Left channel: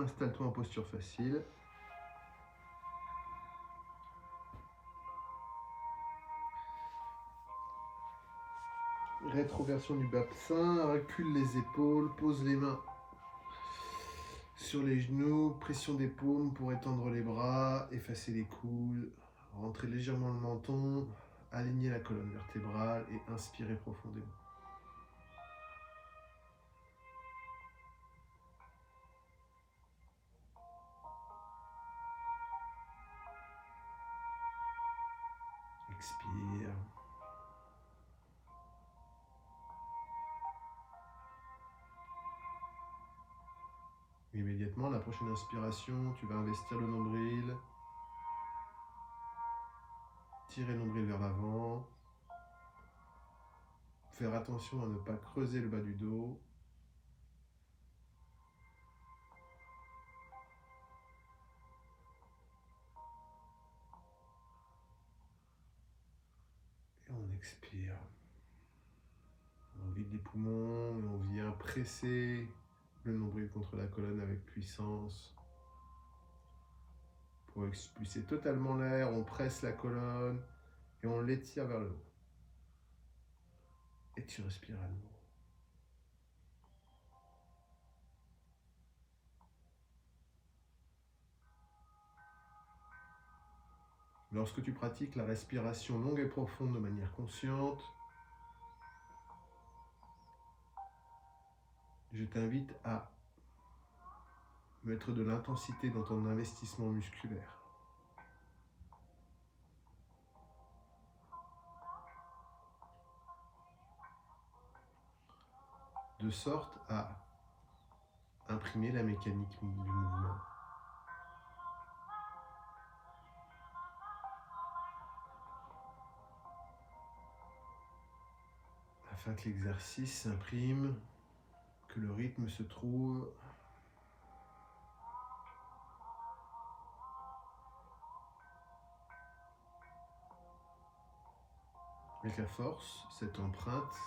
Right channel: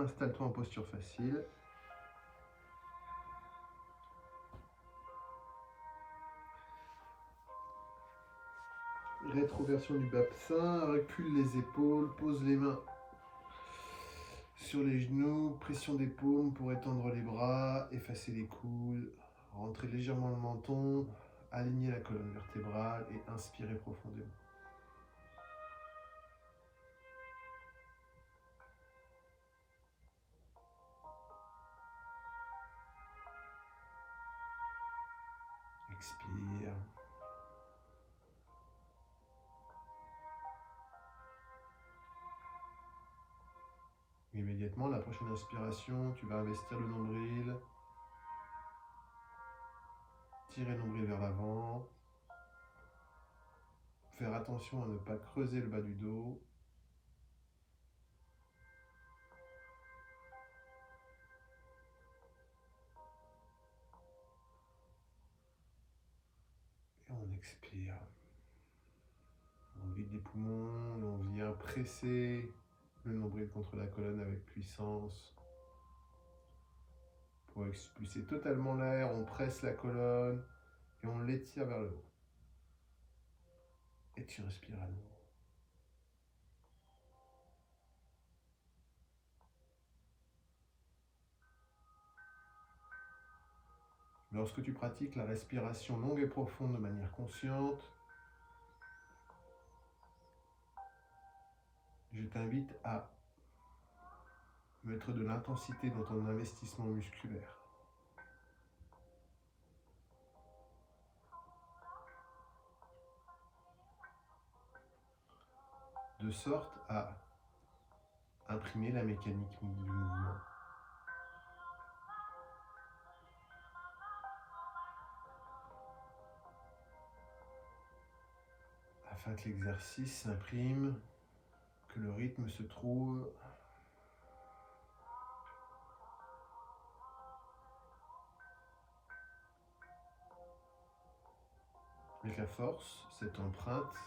Installe-toi en posture facile. Rétroversion du bassin, recule les épaules, pose les mains sur les genoux, pression des paumes pour étendre les bras, effacer les coudes, rentrer légèrement le menton, aligner la colonne vertébrale et inspirer profondément. Expire. Immédiatement, la prochaine inspiration, tu vas investir le nombril, tirer le nombril vers l'avant, faire attention à ne pas creuser le bas du dos. Et on expire. On vide les poumons et on vient presser le nombril contre la colonne avec puissance. Pour expulser totalement l'air, on presse la colonne et on l'étire vers le haut. Et tu respires à nouveau. Lorsque tu pratiques la respiration longue et profonde de manière consciente, je t'invite à mettre de l'intensité dans ton investissement musculaire. De sorte à imprimer la mécanique du mouvement. Afin que l'exercice s'imprime, que le rythme se trouve avec la force, cette empreinte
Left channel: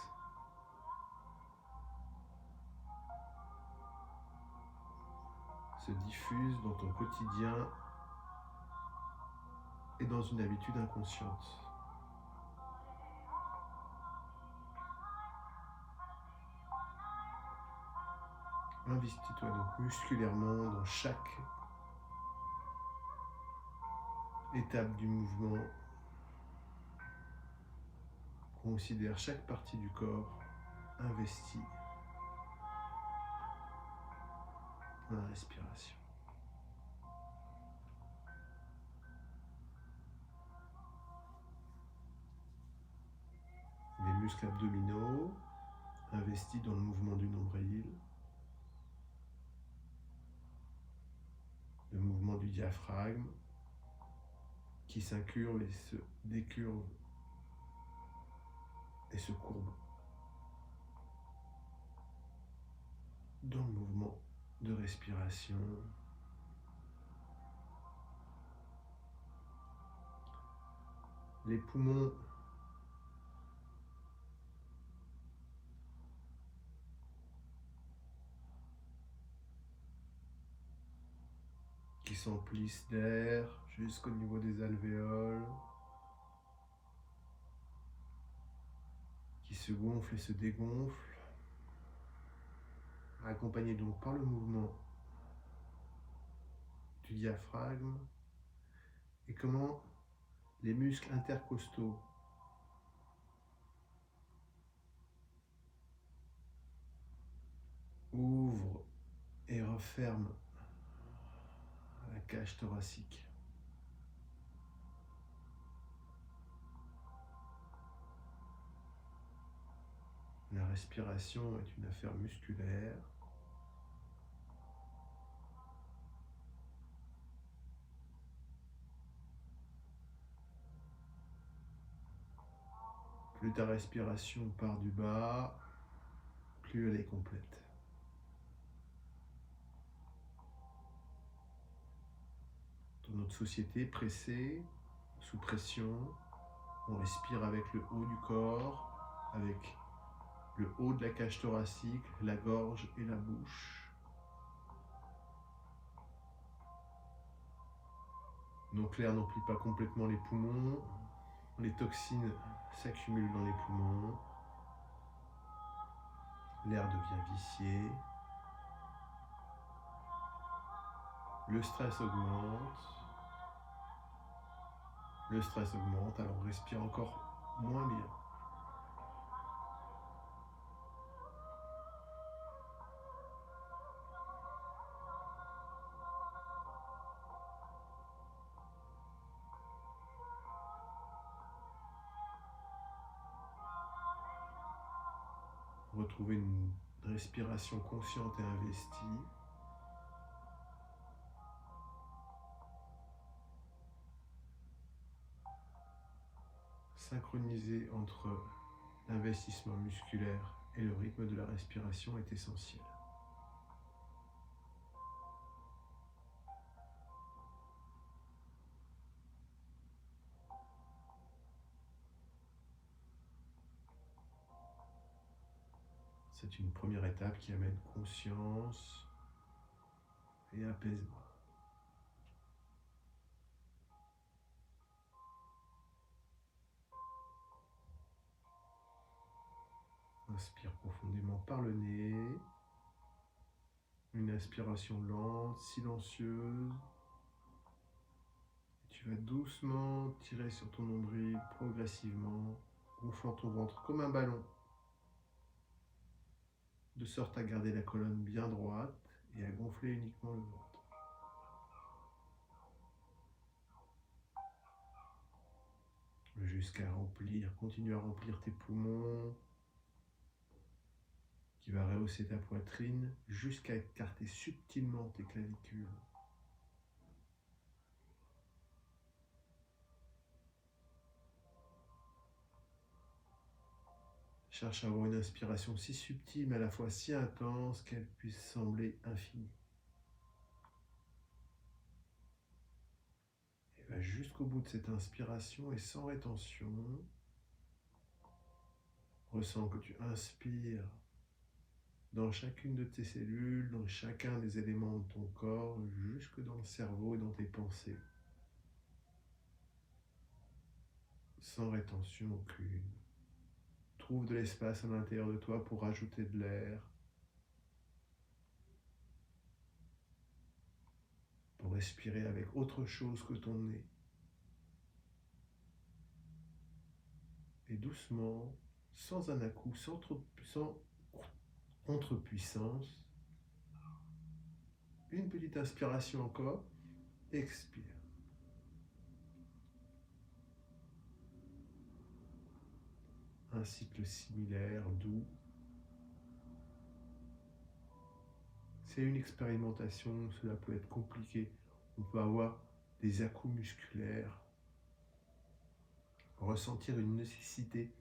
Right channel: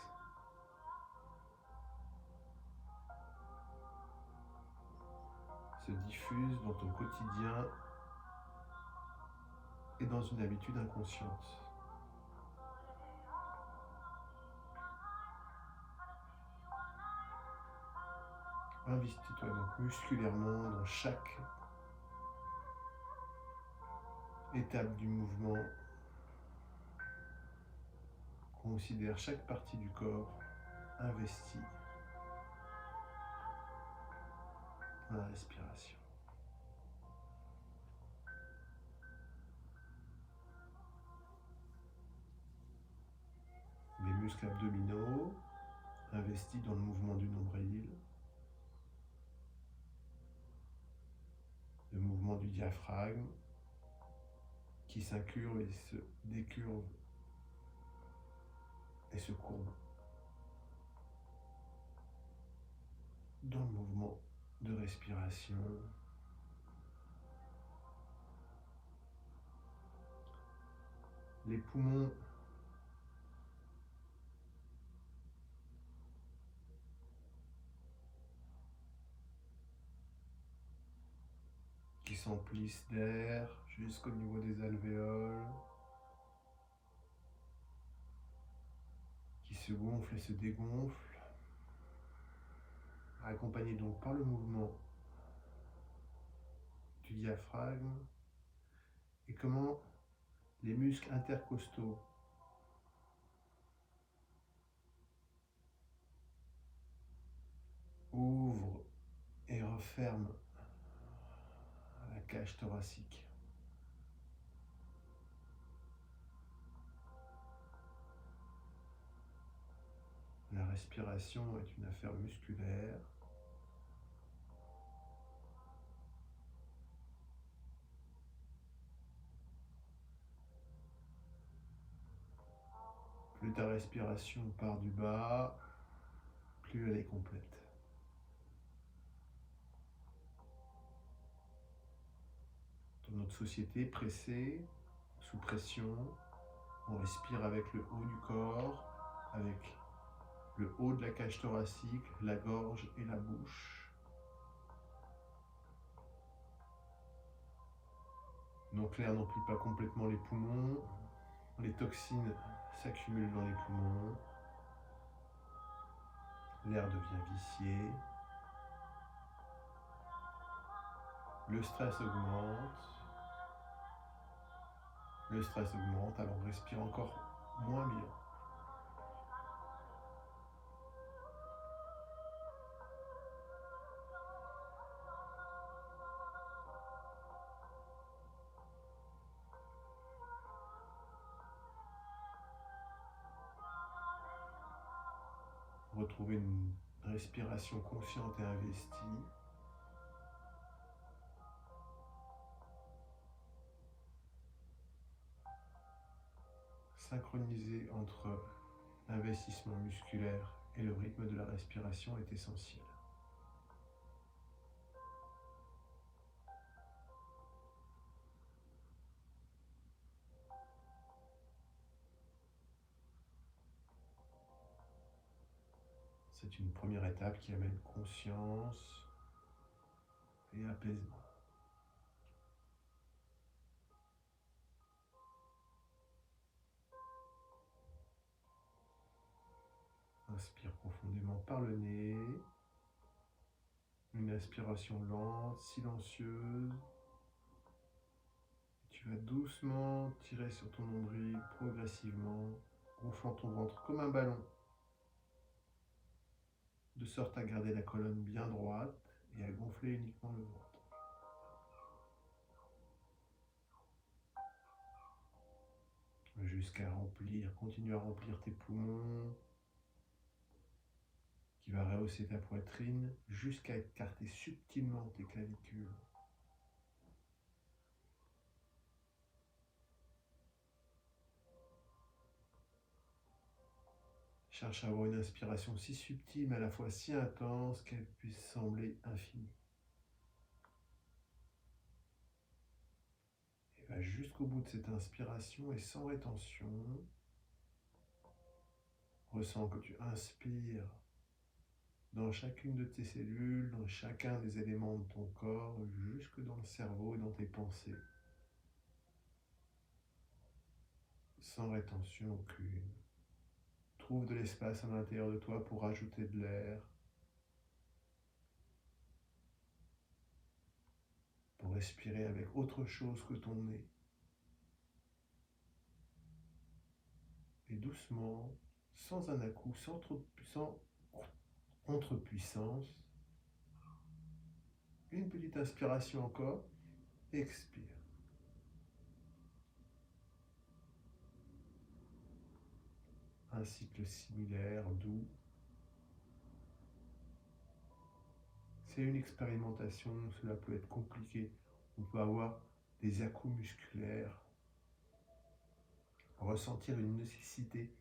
se diffuse dans ton quotidien et dans une habitude inconsciente. Investis-toi donc musculairement dans chaque étape du mouvement. Considère chaque partie du corps investie dans la respiration. Les muscles abdominaux investis dans le mouvement du nombril, le mouvement du diaphragme qui s'incurve et se décurve et se courbe dans le mouvement de respiration. Les poumons qui s'emplissent d'air jusqu'au niveau des alvéoles, qui se gonflent et se dégonflent, accompagnés donc par le mouvement du diaphragme, et comment les muscles intercostaux ouvrent et referment la cage thoracique. La respiration est une affaire musculaire. Plus ta respiration part du bas, plus elle est complète. Dans notre société pressée, sous pression, on respire avec le haut du corps, avec le haut de la cage thoracique, la gorge et la bouche. Donc l'air n'emplit pas complètement les poumons, les toxines s'accumulent dans les poumons, l'air devient vicié, le stress augmente, alors on respire encore moins bien. Retrouver une respiration consciente et investie. Synchroniser entre l'investissement musculaire et le rythme de la respiration est essentiel. C'est une première étape qui amène conscience et apaisement. Inspire profondément par le nez. Une inspiration lente, silencieuse. Tu vas doucement tirer sur ton nombril progressivement, gonflant ton ventre comme un ballon, de sorte à garder la colonne bien droite et à gonfler uniquement le ventre. Jusqu'à continuer à remplir tes poumons, qui va rehausser ta poitrine jusqu'à écarter subtilement tes clavicules. Cherche à avoir une inspiration si subtile mais à la fois si intense qu'elle puisse sembler infinie. Et va jusqu'au bout de cette inspiration et sans rétention. Ressens que tu inspires dans chacune de tes cellules, dans chacun des éléments de ton corps, jusque dans le cerveau et dans tes pensées. Sans rétention aucune. Trouve de l'espace à l'intérieur de toi pour ajouter de l'air, pour respirer avec autre chose que ton nez. Et doucement, sans un à-coup, sans contre-puissance, une petite inspiration encore, expire. Un cycle similaire, doux. C'est une expérimentation, cela peut être compliqué. On peut avoir des à-coups musculaires, ressentir une nécessité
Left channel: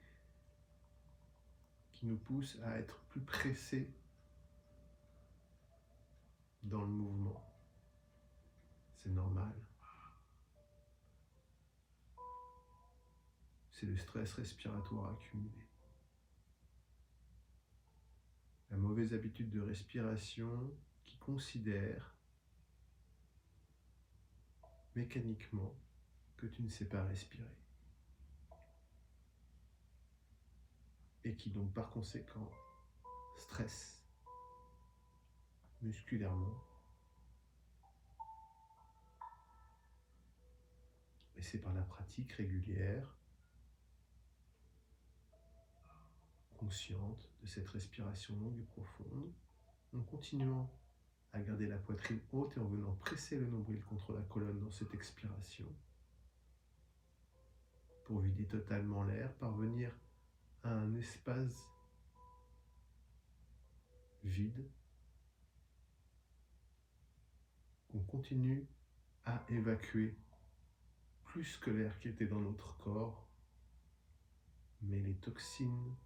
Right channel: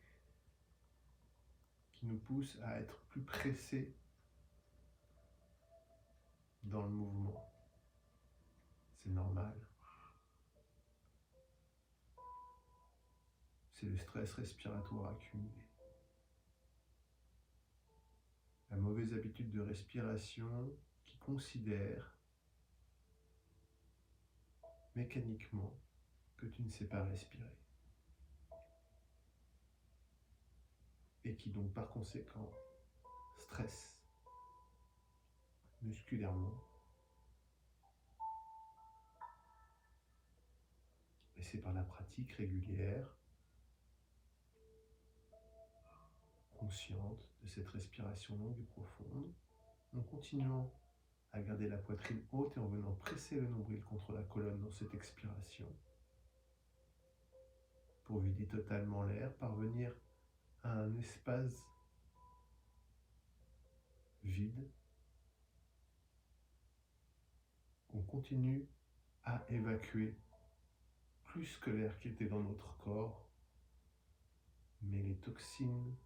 qui nous pousse à être plus pressés dans le mouvement. C'est normal. C'est le stress respiratoire accumulé. La mauvaise habitude de respiration qui considère mécaniquement que tu ne sais pas respirer. Et qui donc par conséquent stresse musculairement. Et c'est par la pratique régulière, consciente de cette respiration longue et profonde, en continuant à garder la poitrine haute et en venant presser le nombril contre la colonne dans cette expiration, pour vider totalement l'air, parvenir à un espace vide qu'on continue à évacuer plus que l'air qui était dans notre corps, mais les toxines,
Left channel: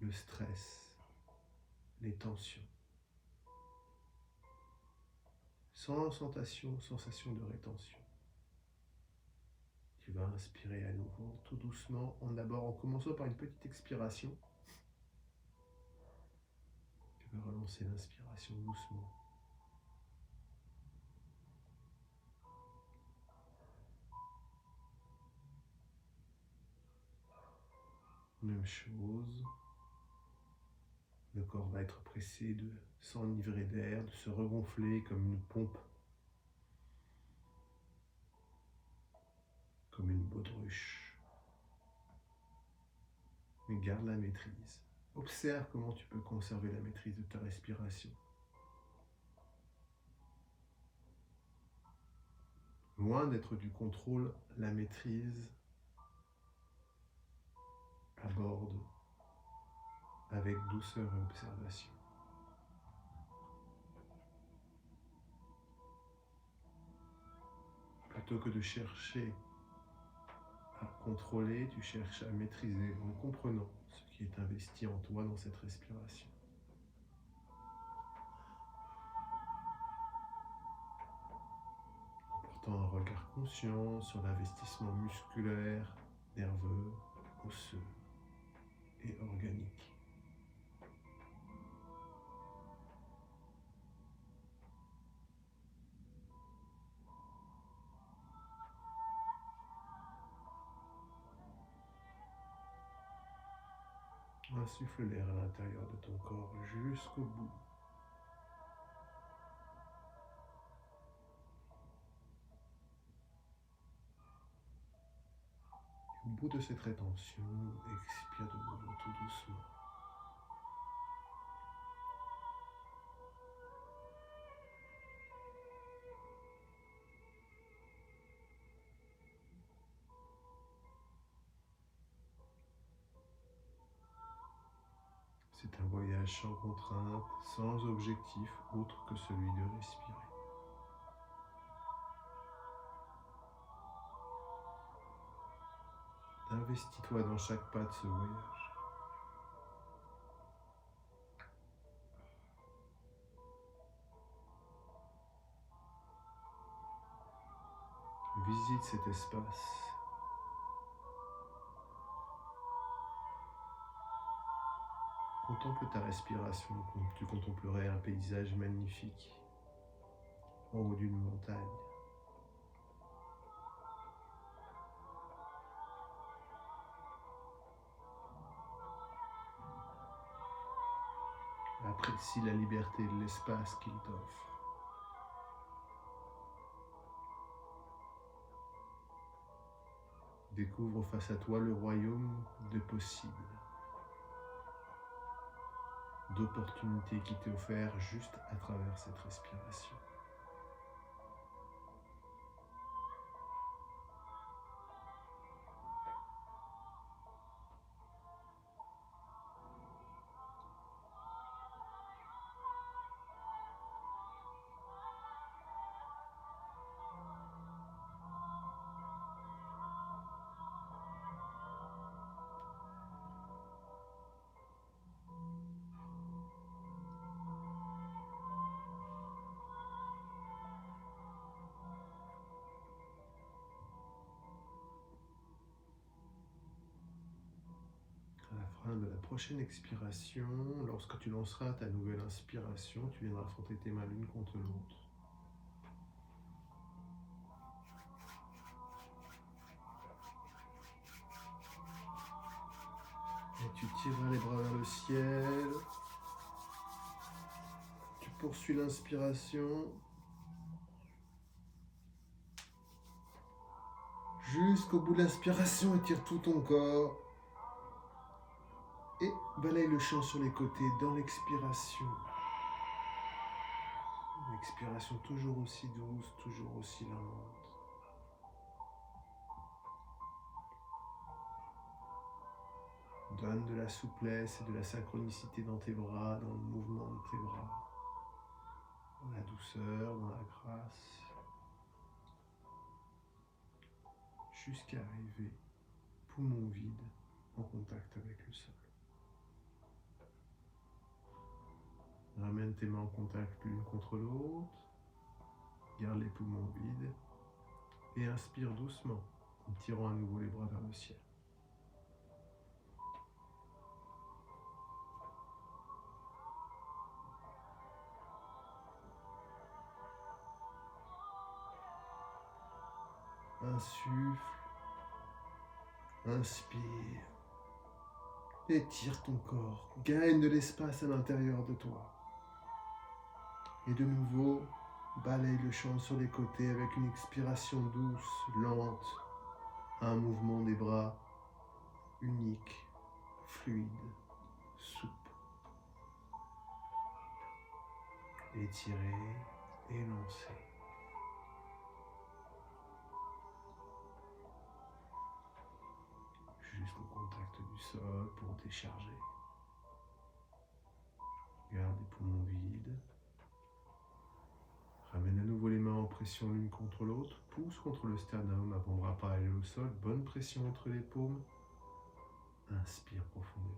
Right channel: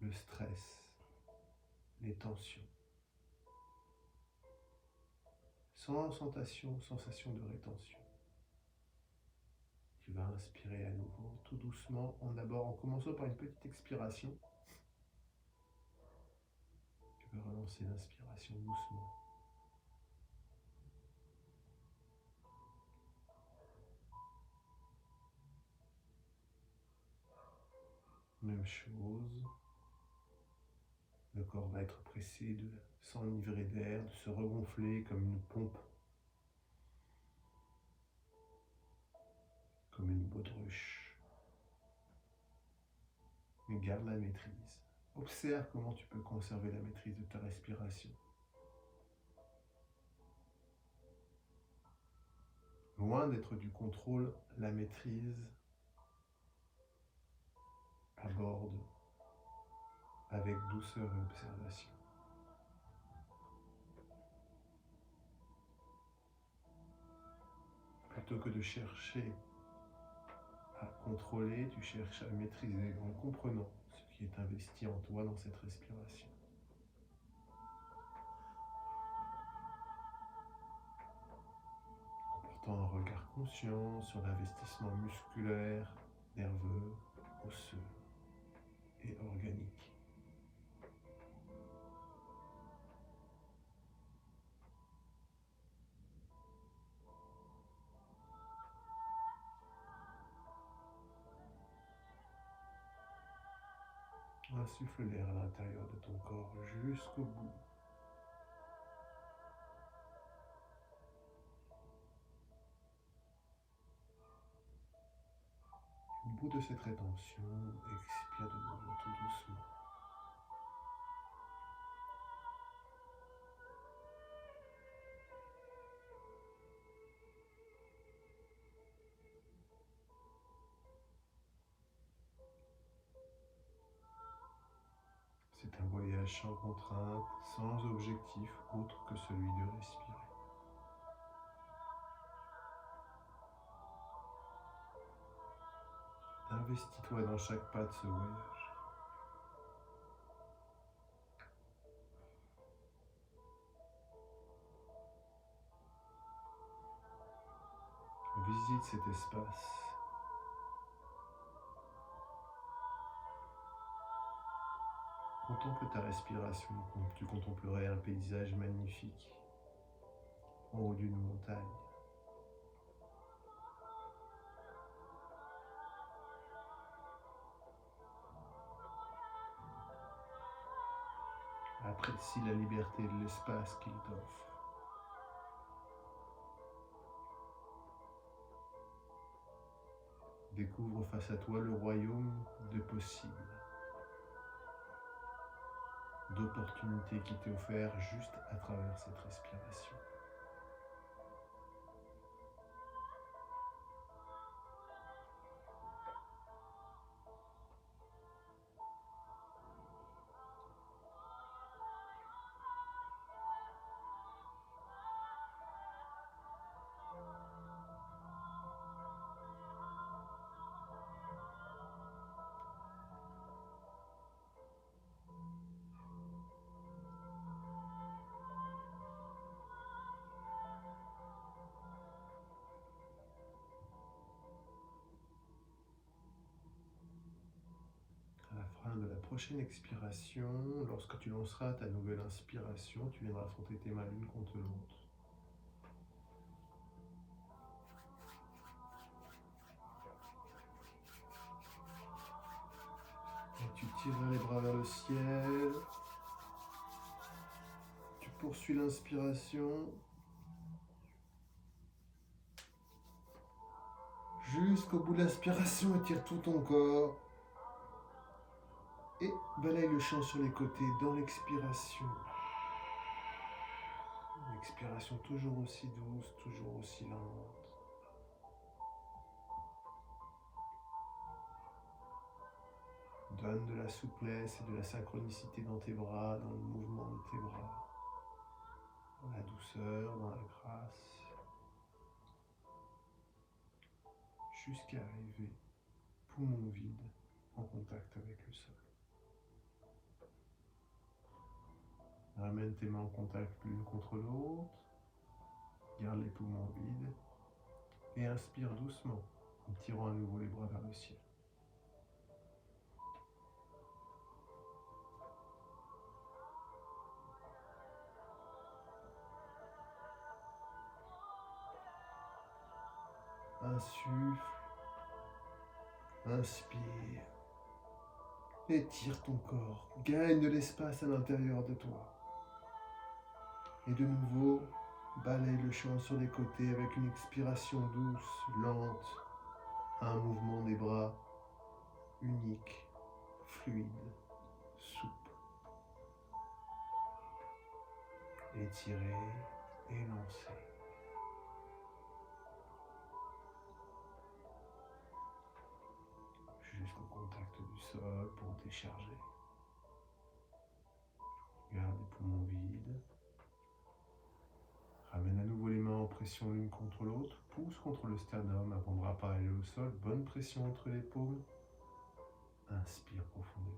le stress, les tensions. Sans sensation de rétention. Tu vas inspirer à nouveau, tout doucement, en commençant par une petite expiration. Tu vas relancer l'inspiration doucement. Même chose. Le corps va être pressé de s'enivrer d'air, de se regonfler comme une pompe, comme une baudruche. Mais garde la maîtrise. Observe comment tu peux conserver la maîtrise de ta respiration. Loin d'être du contrôle, la maîtrise aborde avec douceur et observation. Plutôt que de chercher à contrôler, tu cherches à maîtriser en comprenant ce qui est investi en toi dans cette respiration. En portant un regard conscient sur l'investissement musculaire, nerveux, osseux et organique. Insuffle l'air à l'intérieur de ton corps jusqu'au bout. Au bout de cette rétention, expire de nouveau tout doucement. C'est un voyage sans contrainte, sans objectif autre que celui de respirer. Investis-toi dans chaque pas de ce voyage. Visite cet espace. Contemple ta respiration comme tu contemplerais un paysage magnifique en haut d'une montagne. Apprécie la liberté de l'espace qu'il t'offre. Découvre face à toi le royaume de possibles, d'opportunités qui t'est offert juste à travers cette respiration. À la fin de la prochaine expiration, lorsque tu lanceras ta nouvelle inspiration, tu viendras frotter tes mains l'une contre l'autre. Et tu tireras les bras vers le ciel. Tu poursuis l'inspiration jusqu'au bout de l'inspiration, étire tout ton corps. Et balaye le champ sur les côtés dans l'expiration. L'expiration toujours aussi douce, toujours aussi lente. Donne de la souplesse et de la synchronicité dans tes bras, dans le mouvement de tes bras. Dans la douceur, dans la grâce. Jusqu'à arriver, poumon vide, en contact avec le sol. Ramène tes mains en contact l'une contre l'autre. Garde les poumons vides. Et inspire doucement, en tirant à nouveau les bras vers le ciel. Insuffle, inspire, Étire ton corps, gagne de l'espace à l'intérieur de toi. Et de nouveau, balaye le champ sur les côtés avec une expiration douce, lente, un mouvement des bras unique, fluide, souple. Étirer, élancer. Jusqu'au contact du sol pour décharger. Garde les poumons vides. Ramène à nouveau les mains en pression l'une contre l'autre. Pousse contre le sternum, avant-bras parallèle au sol. Bonne pression entre les paumes. Inspire profondément.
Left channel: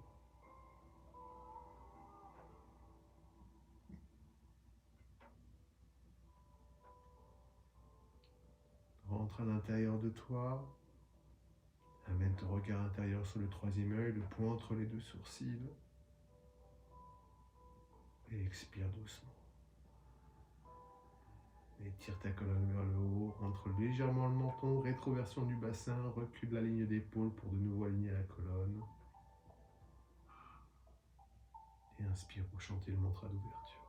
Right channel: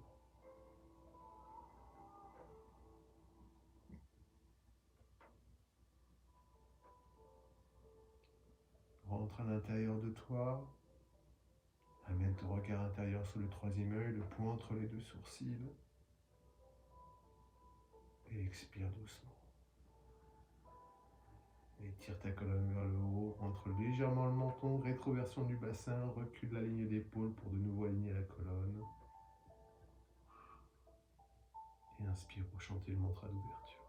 Rentre à l'intérieur de toi. Amène ton regard intérieur sur le troisième œil, le point entre les deux sourcils. Et expire doucement. Étire ta colonne vers le haut, rentre légèrement le menton, rétroversion du bassin, recule la ligne d'épaule pour de nouveau aligner la colonne. Et inspire pour chanter le mantra d'ouverture.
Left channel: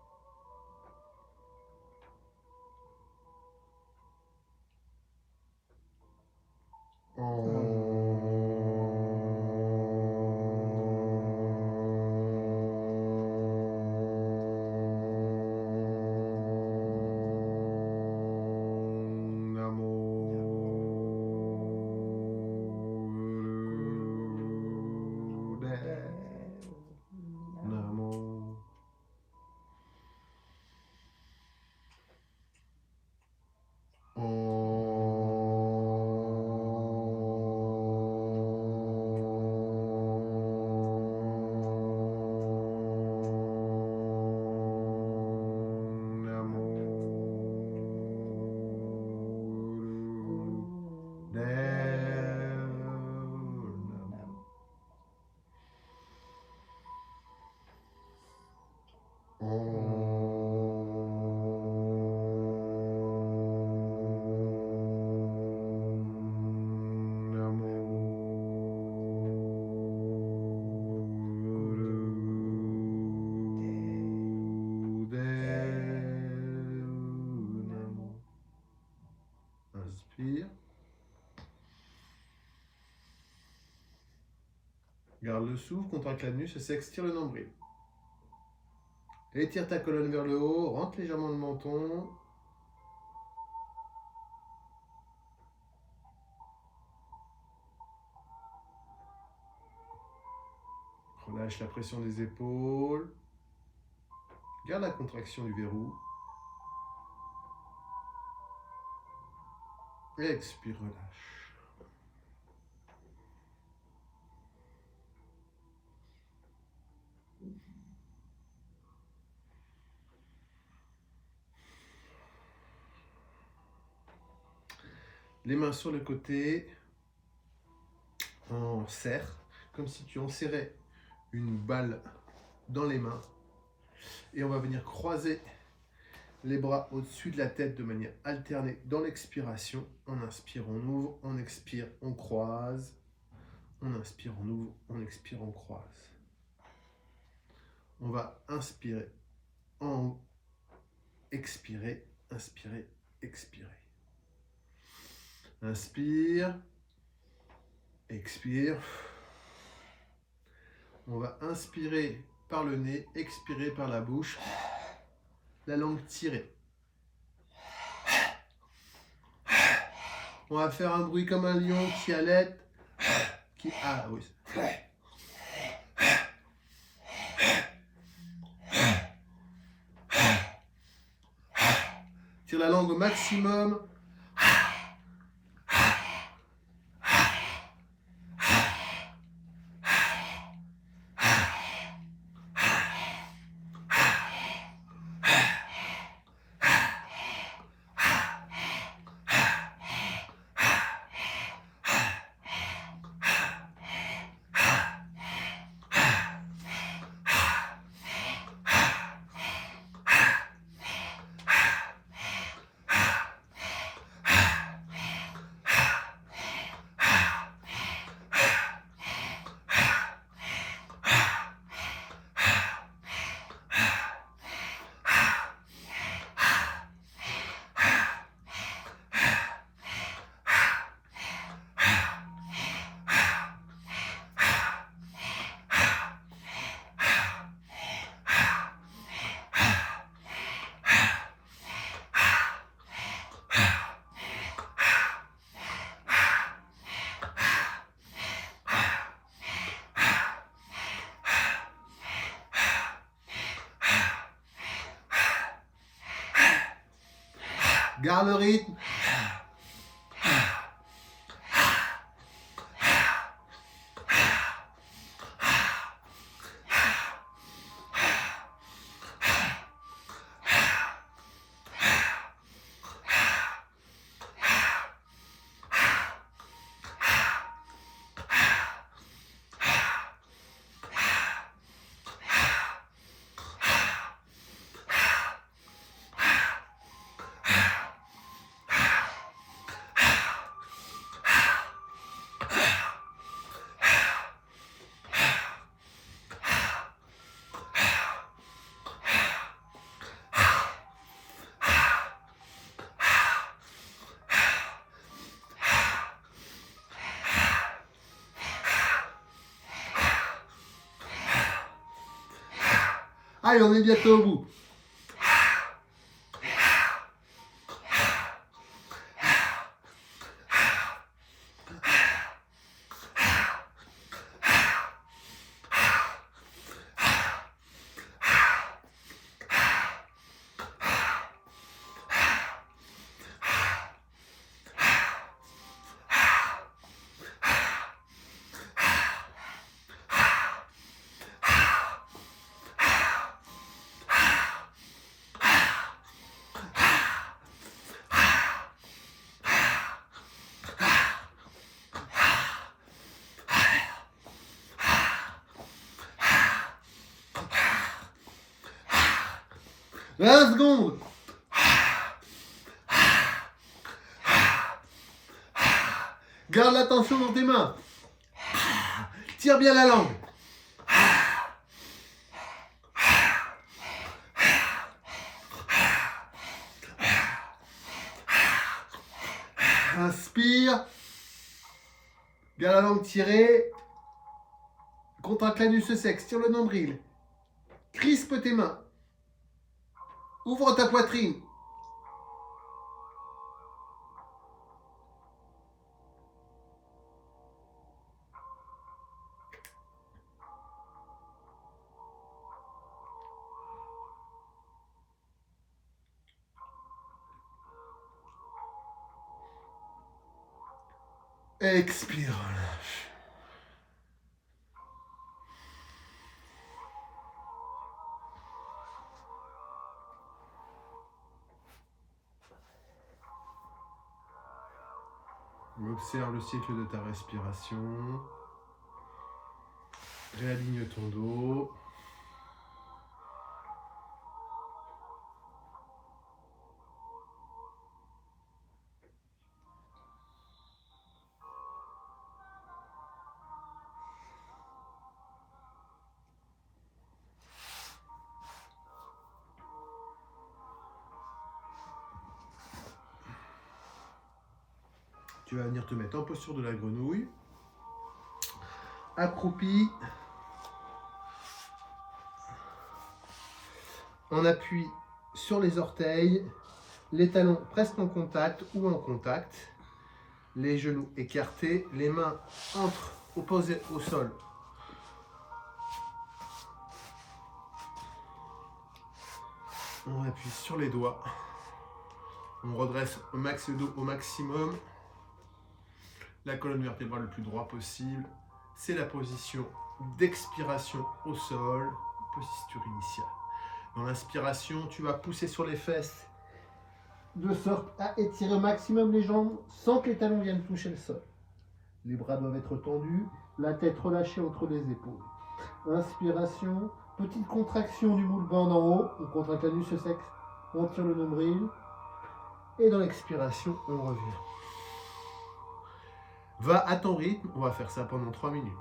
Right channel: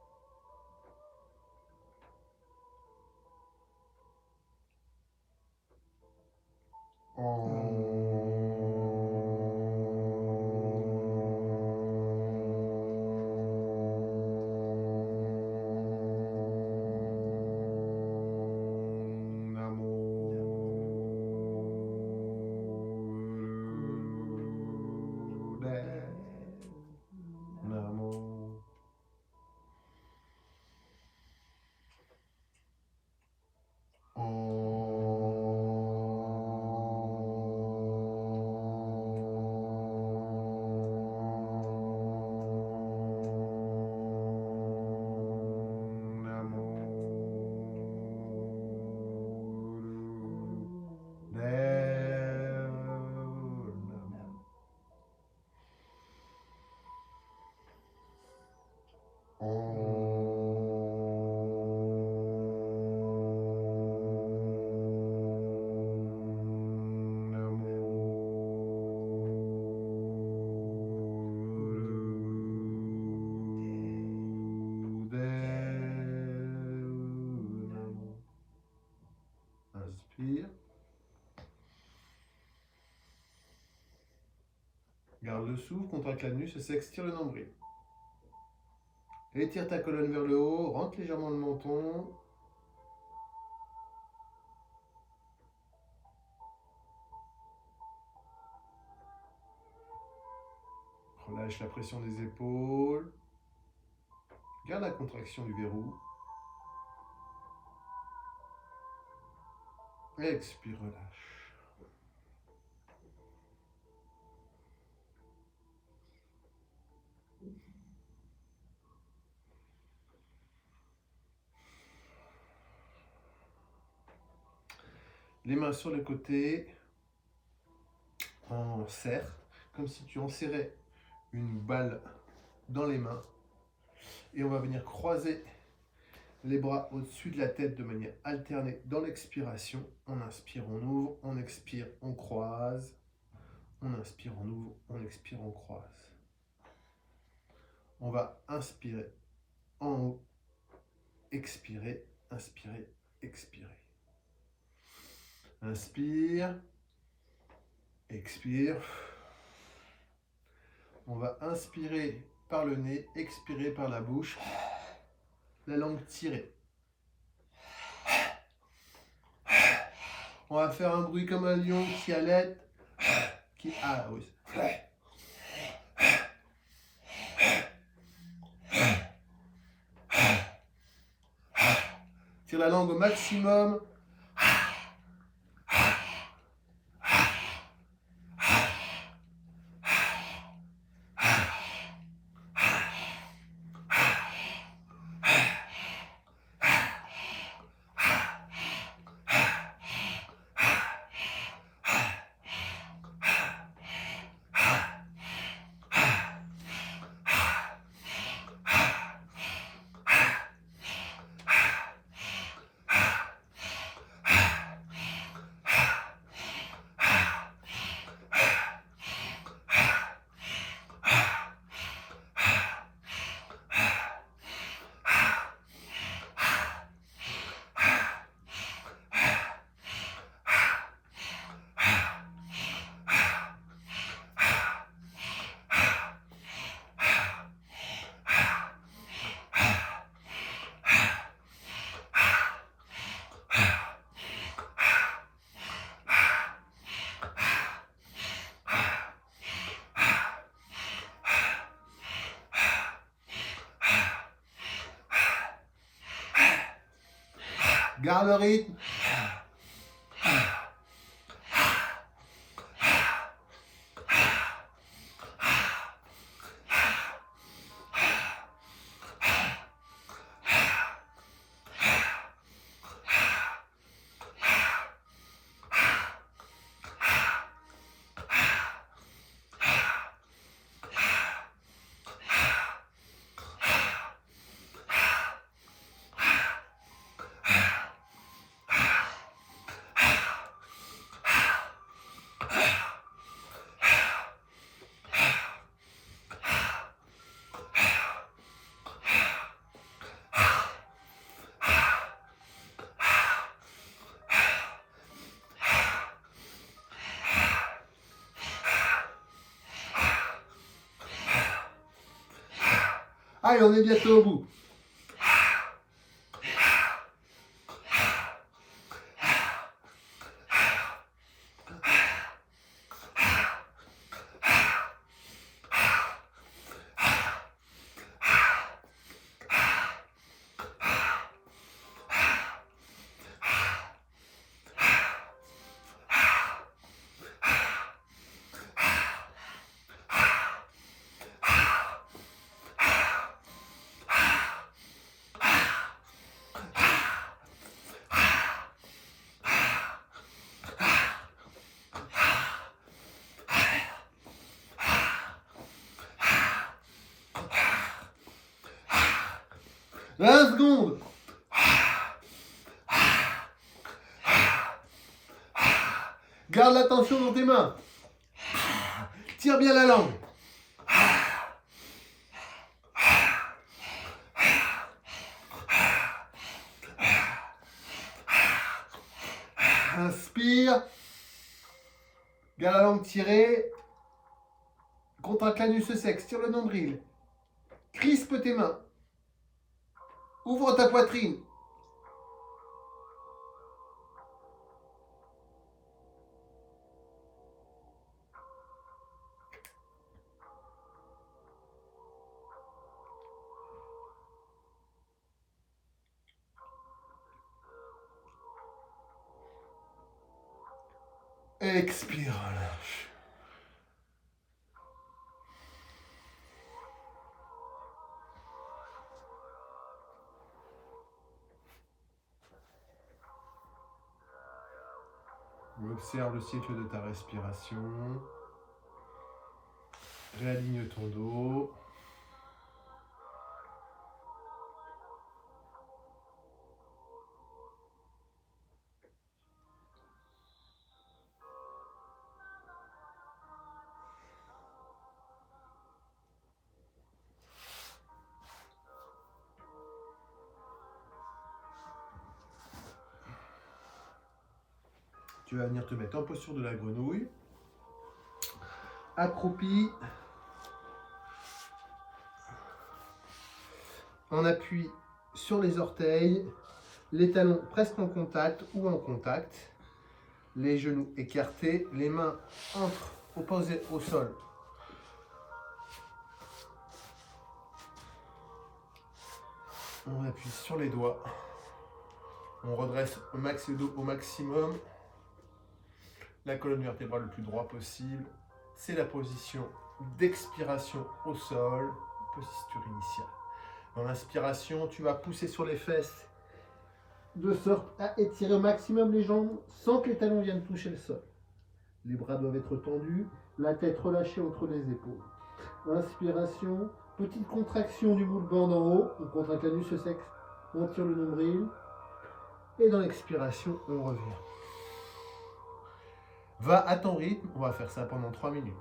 Inspire. Garde le souffle, contracte l'anus et s'extire le nombril. Étire ta colonne vers le haut, rentre légèrement le menton. Relâche la pression des épaules. Garde la contraction du verrou. Expire, relâche. Les mains sur les côtés. On serre, comme si tu enserrais une balle dans les mains. Et on va venir croiser les bras au-dessus de la tête de manière alternée dans l'expiration. On inspire, on ouvre, on expire, on croise. On inspire, on ouvre, on expire, on croise. On va inspirer en haut, expirer, inspirer, expirer. Inspire, expire. On va inspirer par le nez, expirer par la bouche, la langue tirée. On va faire un bruit comme un lion qui allait, qui... Ah oui. Tire la langue au maximum. Garde le rythme. Allez, on est bientôt au bout. « 20 secondes. Garde la tension dans tes mains. Tire bien la langue. Inspire. Garde la langue tirée. Contracte l'anus sexe. Tire le nombril. Crispe tes mains. Ouvre ta poitrine. Expire, relâche. Observe le cycle de ta respiration. Réaligne ton dos. Tu vas venir te mettre en posture de la grenouille. Accroupi. On appuie sur les orteils, les talons presque en contact ou en contact, les genoux écartés, les mains opposées au sol. On appuie sur les doigts. On redresse au max le dos au maximum. La colonne vertébrale le plus droit possible. C'est la position d'expiration au sol, posture initiale. Dans l'inspiration, tu vas pousser sur les fesses de sorte à étirer au maximum les jambes sans que les talons viennent toucher le sol. Les bras doivent être tendus, la tête relâchée entre les épaules. Inspiration, petite contraction du bout de bande en haut, on contracte l'anus sexe, on tire le nombril. Et dans l'expiration, on revient. Va à ton rythme, on va faire ça pendant 3 minutes.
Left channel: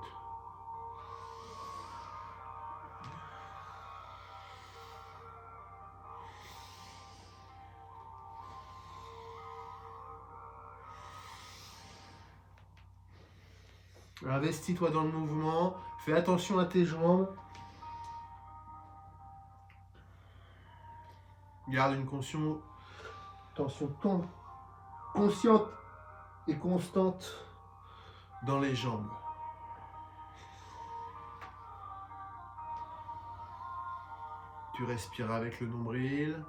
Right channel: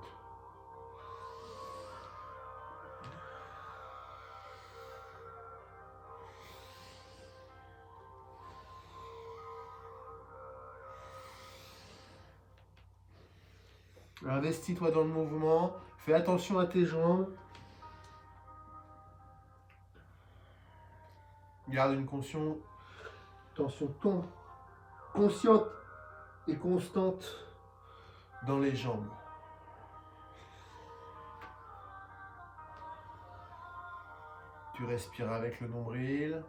Investis-toi dans le mouvement, fais attention à tes jambes. Garde une tension consciente et constante dans les jambes. Tu respires avec le nombril.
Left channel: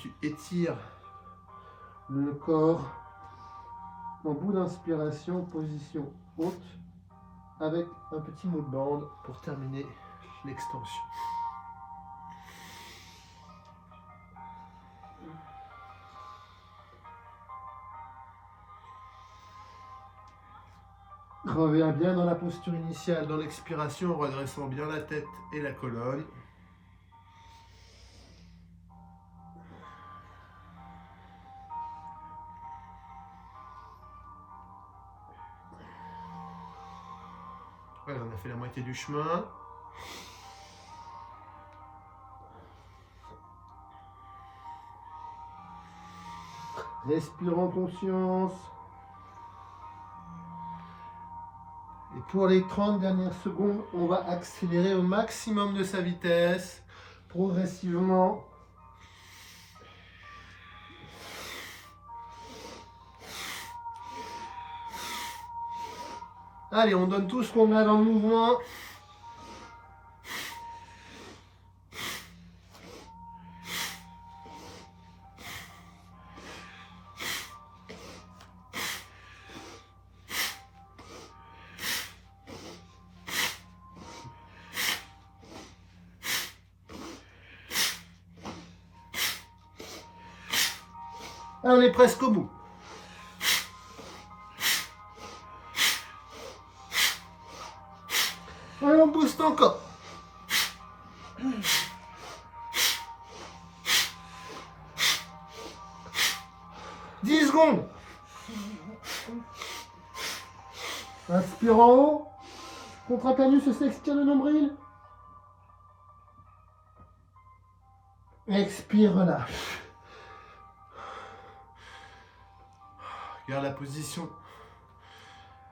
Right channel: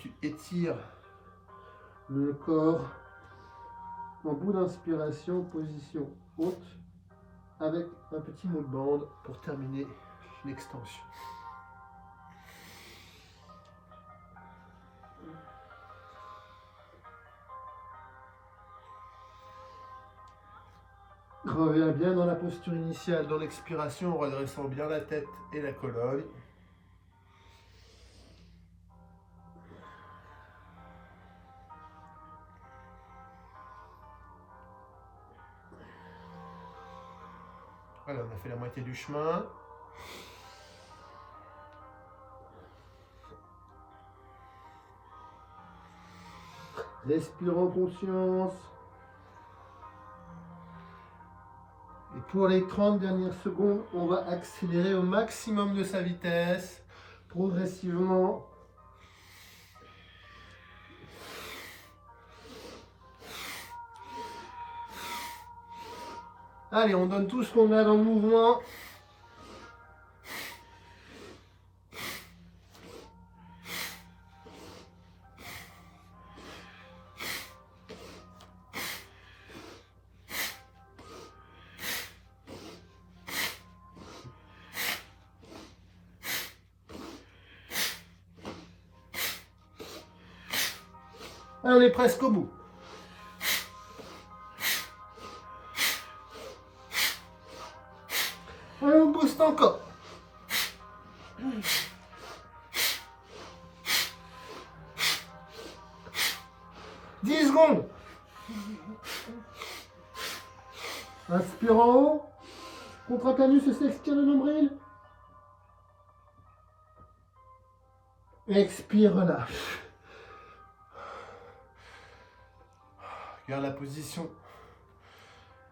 tu étires le corps en bout d'inspiration, position haute, avec un petit mot de bande pour terminer l'extension. Reviens bien dans la posture initiale, dans l'expiration, en redressant bien la tête et la colonne. Voilà, on a fait la moitié du chemin. Respire en conscience. Et pour les 30 dernières secondes, on va accélérer au maximum de sa vitesse, progressivement. Allez, on donne tout ce qu'on a dans le mouvement. On est presque au bout. Et on booste encore. 10 secondes. Inspire en haut. Contracte l'anus et s'extire le nombril. Expire, relâche. Garde la position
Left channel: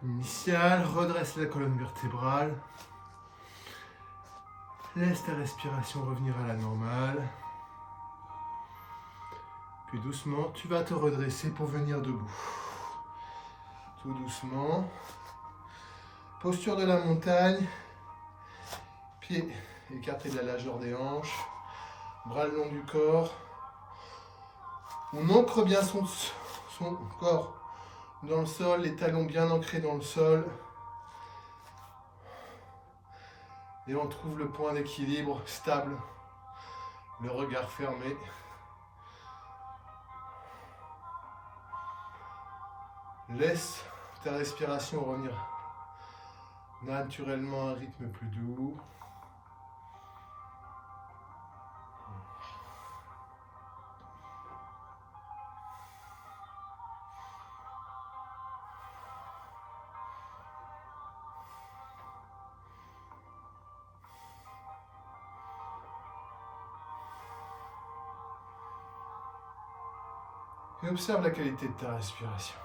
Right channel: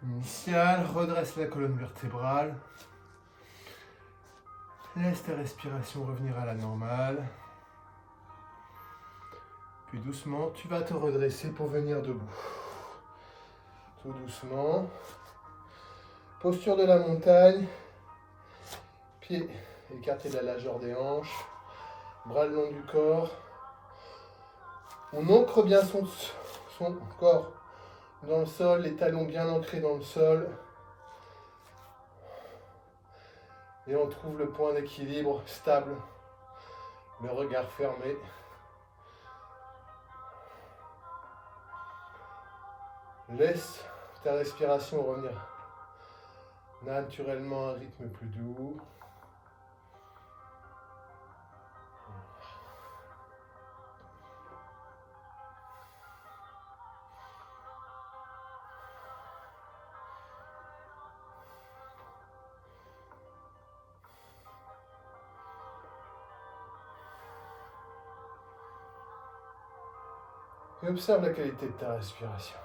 initiale, redresse la colonne vertébrale. Laisse ta respiration revenir à la normale. Puis doucement, tu vas te redresser pour venir debout. Tout doucement. Posture de la montagne. Pieds écartés de la largeur des hanches. Bras le long du corps. On ancre bien son corps dans le sol, les talons bien ancrés dans le sol. Et on trouve le point d'équilibre stable, le regard fermé. Laisse ta respiration revenir naturellement à un rythme plus doux. Et observe la qualité de ta respiration.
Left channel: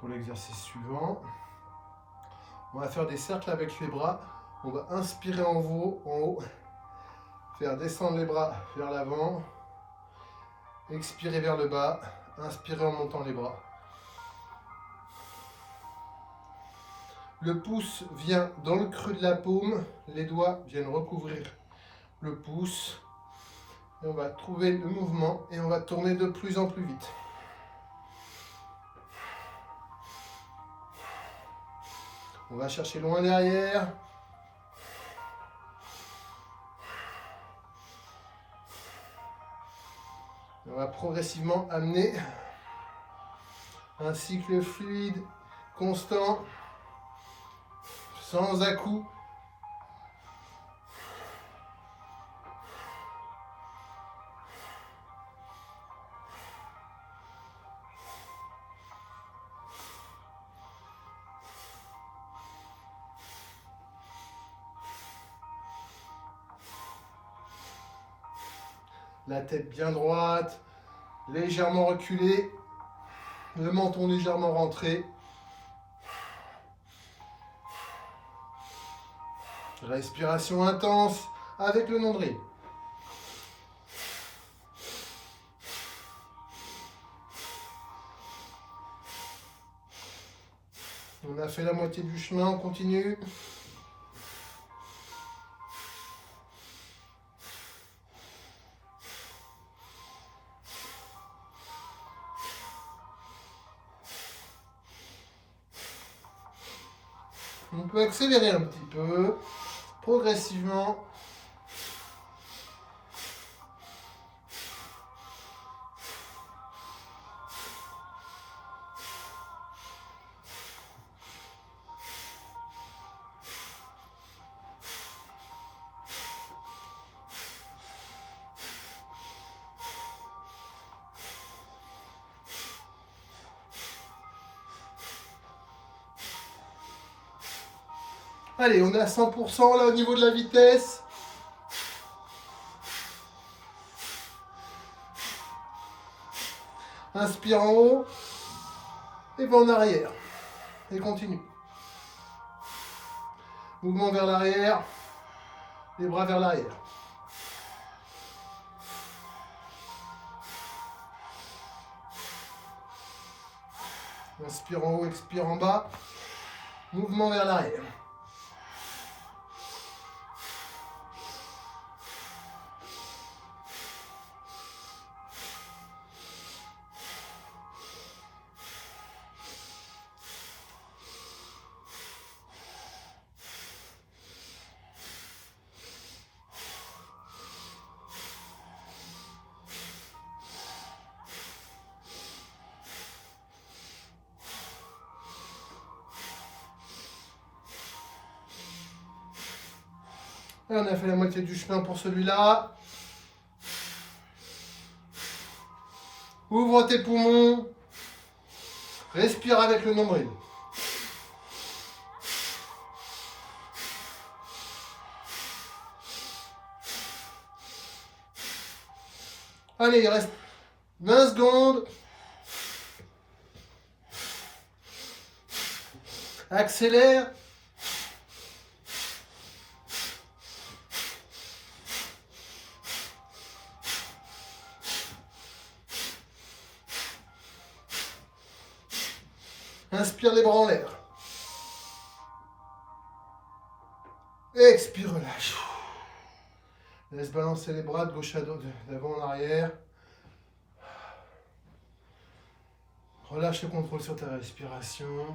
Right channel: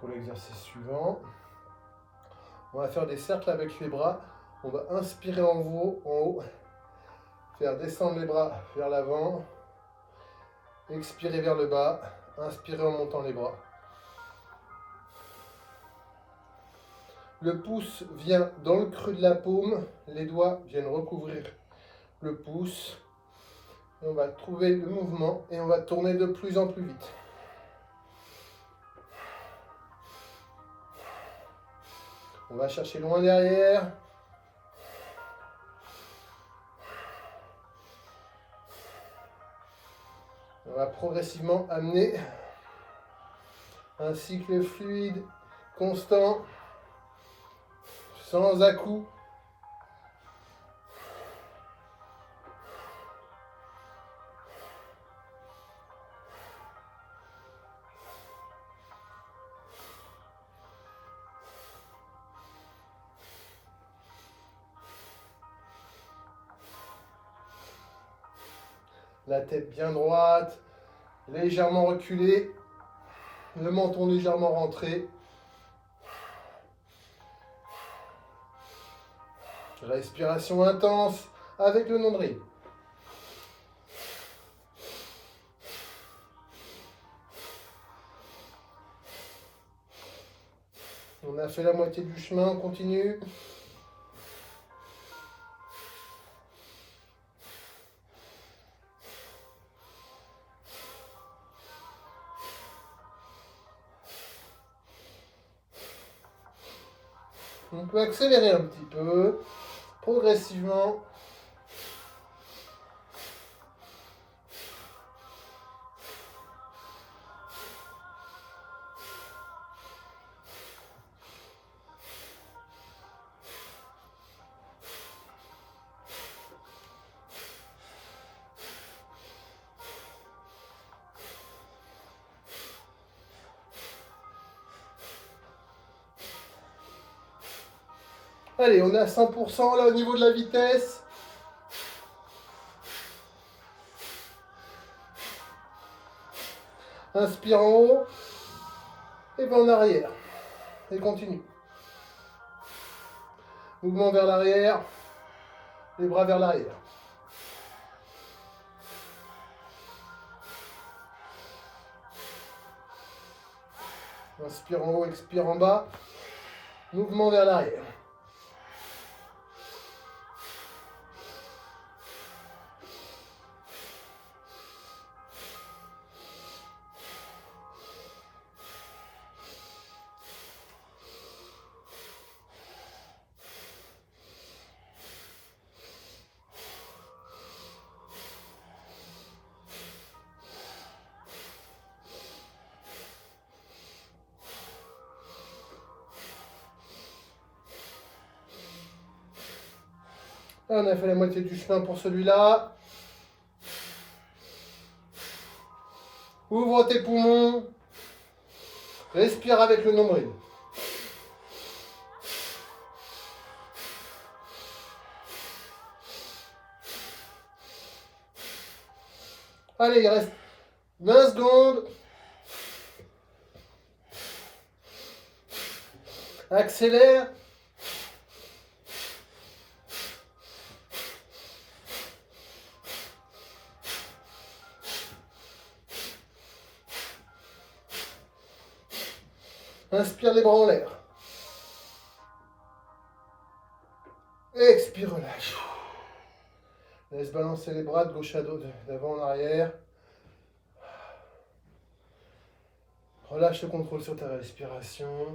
Pour l'exercice suivant, on va faire des cercles avec les bras. On va inspirer en haut, faire descendre les bras vers l'avant, expirer vers le bas, inspirer en montant les bras. Le pouce vient dans le creux de la paume, les doigts viennent recouvrir le pouce. Et on va trouver le mouvement et on va tourner de plus en plus vite. On va chercher loin derrière. On va progressivement amener un cycle fluide, constant, sans à-coups. La tête bien droite, légèrement reculée, le menton légèrement rentré. Respiration intense avec le nombril. On a fait la moitié du chemin, on continue. On peut accélérer un petit peu, progressivement. Allez, on est à 100% là au niveau de la vitesse. Inspire en haut et va en arrière. Et continue. Mouvement vers l'arrière, les bras vers l'arrière. Inspire en haut, expire en bas. Mouvement vers l'arrière. On a fait la moitié du chemin pour celui-là. Ouvre tes poumons. Respire avec le nombril. Allez, il reste 20 secondes. Accélère. Inspire les bras en l'air. Expire, relâche. Laisse balancer les bras de gauche à droite, d'avant en arrière. Relâche le contrôle sur ta respiration.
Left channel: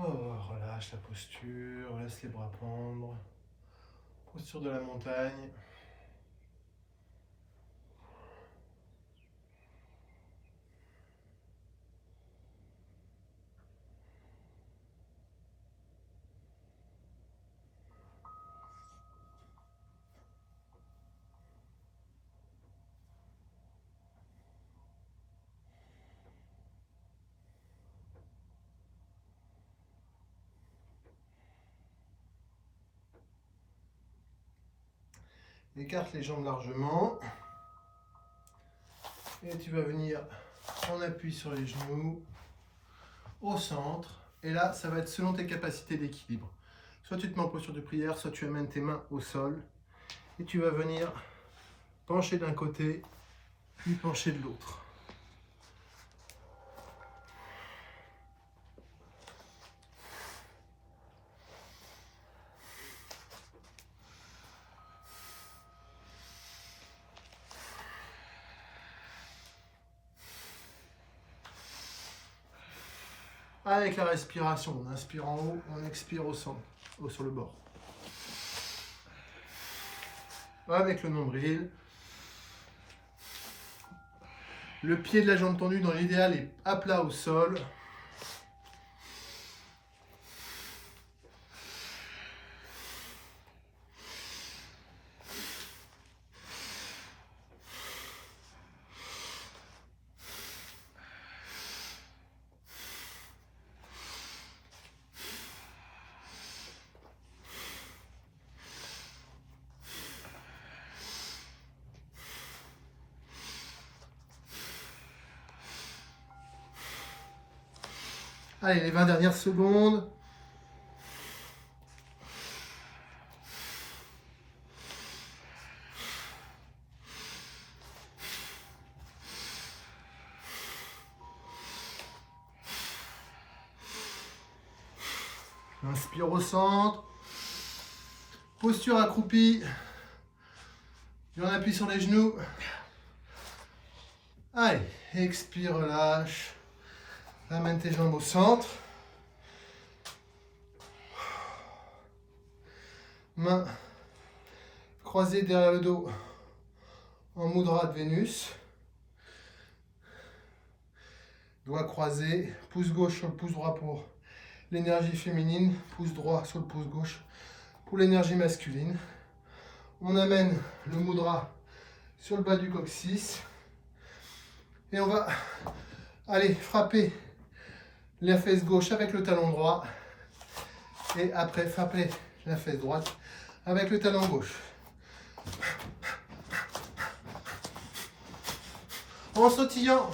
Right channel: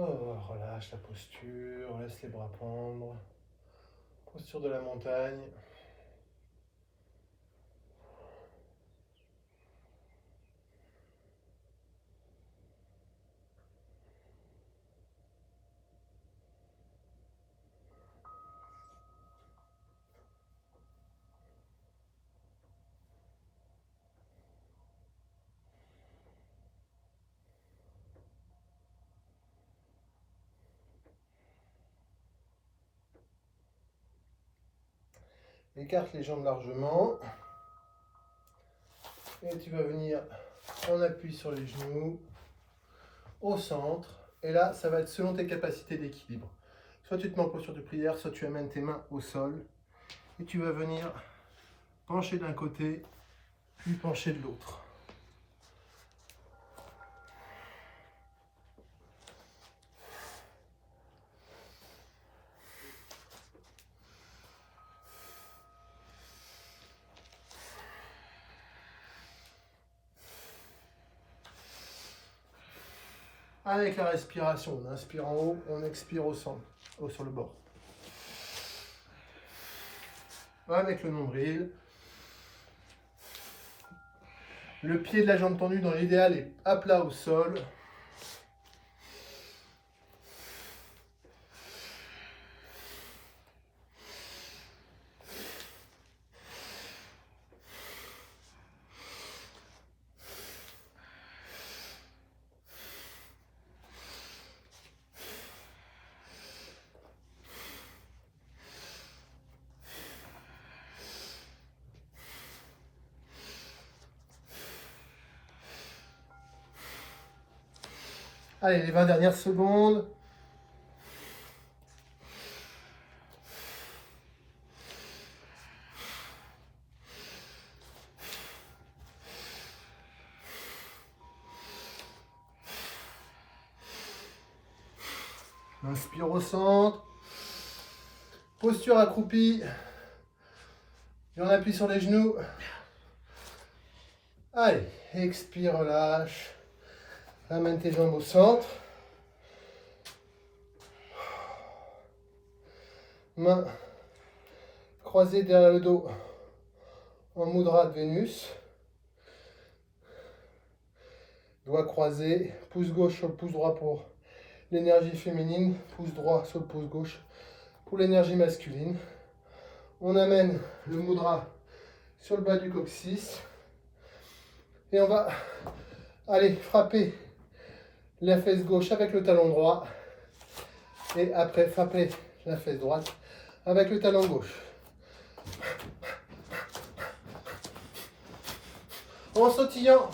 Oh, relâche la posture, laisse les bras prendre. Posture de la montagne. Écarte les jambes largement. Et tu vas venir en appui sur les genoux, au centre. Et là, ça va être selon tes capacités d'équilibre. Soit tu te mets en posture de prière, soit tu amènes tes mains au sol. Et tu vas venir pencher d'un côté, puis pencher de l'autre. Avec la respiration, on inspire en haut, on expire au centre, sur le bord. Avec le nombril. Le pied de la jambe tendue dans l'idéal est à plat au sol. Allez, les 20 dernières secondes. Inspire au centre. Posture accroupie. Et on appuie sur les genoux. Allez, expire, relâche. Ramène tes jambes au centre. Mains croisées derrière le dos en mudra de Vénus. Doigts croisés, pouce gauche sur le pouce droit pour l'énergie féminine, pouce droit sur le pouce gauche pour l'énergie masculine. On amène le mudra sur le bas du coccyx. Et on va aller frapper la fesse gauche avec le talon droit. Et après, frapper la fesse droite avec le talon gauche. En sautillant.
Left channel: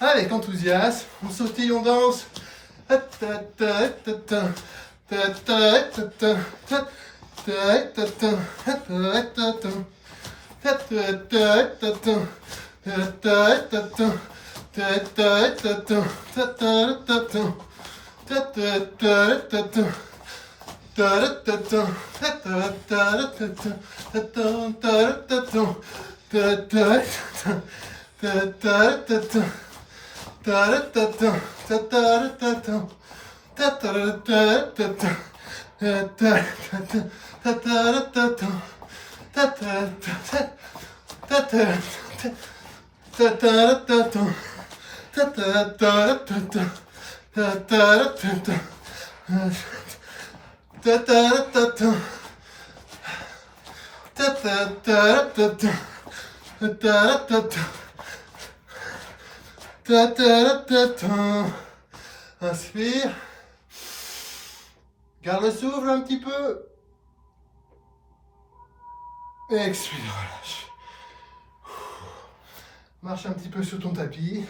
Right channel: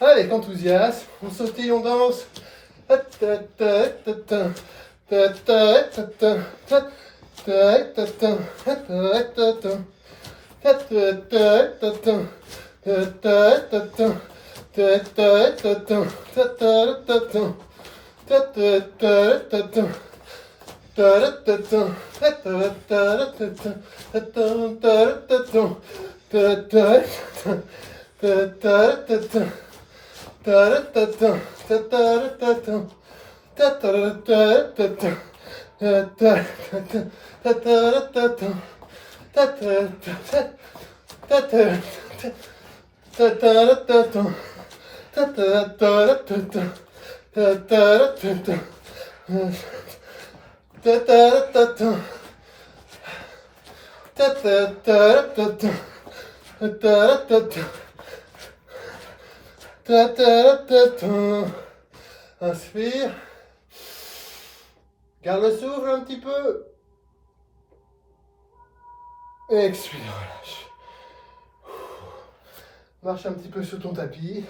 Avec enthousiasme, on sautille, on danse. Inspire. Garde le souffle un petit peu. Expire, relâche. Marche un petit peu sur ton tapis.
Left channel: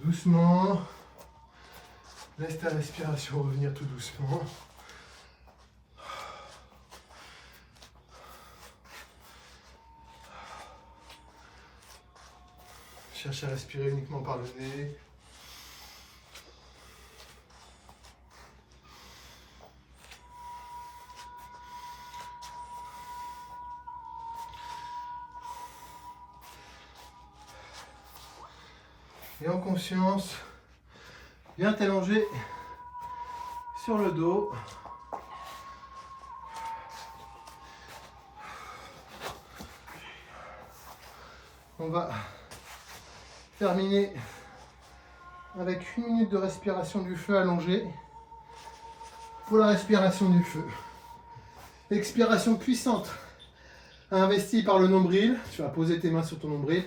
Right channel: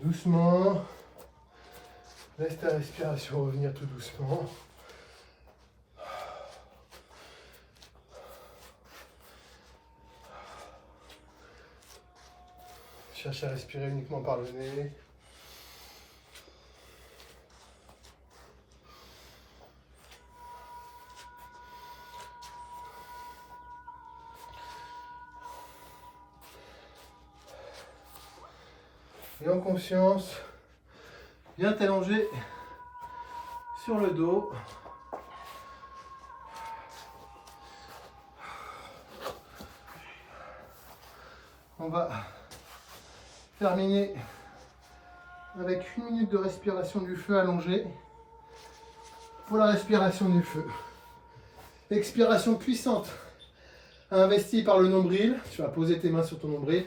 Doucement. Laisse ta respiration revenir tout doucement. Cherche à respirer uniquement par le nez. Et en conscience, viens t'allonger sur le dos. On va terminer avec 1 minute de respiration du feu allongée pour la respiration du feu. Expiration puissante, investie par le nombril. Tu vas poser tes mains sur ton nombril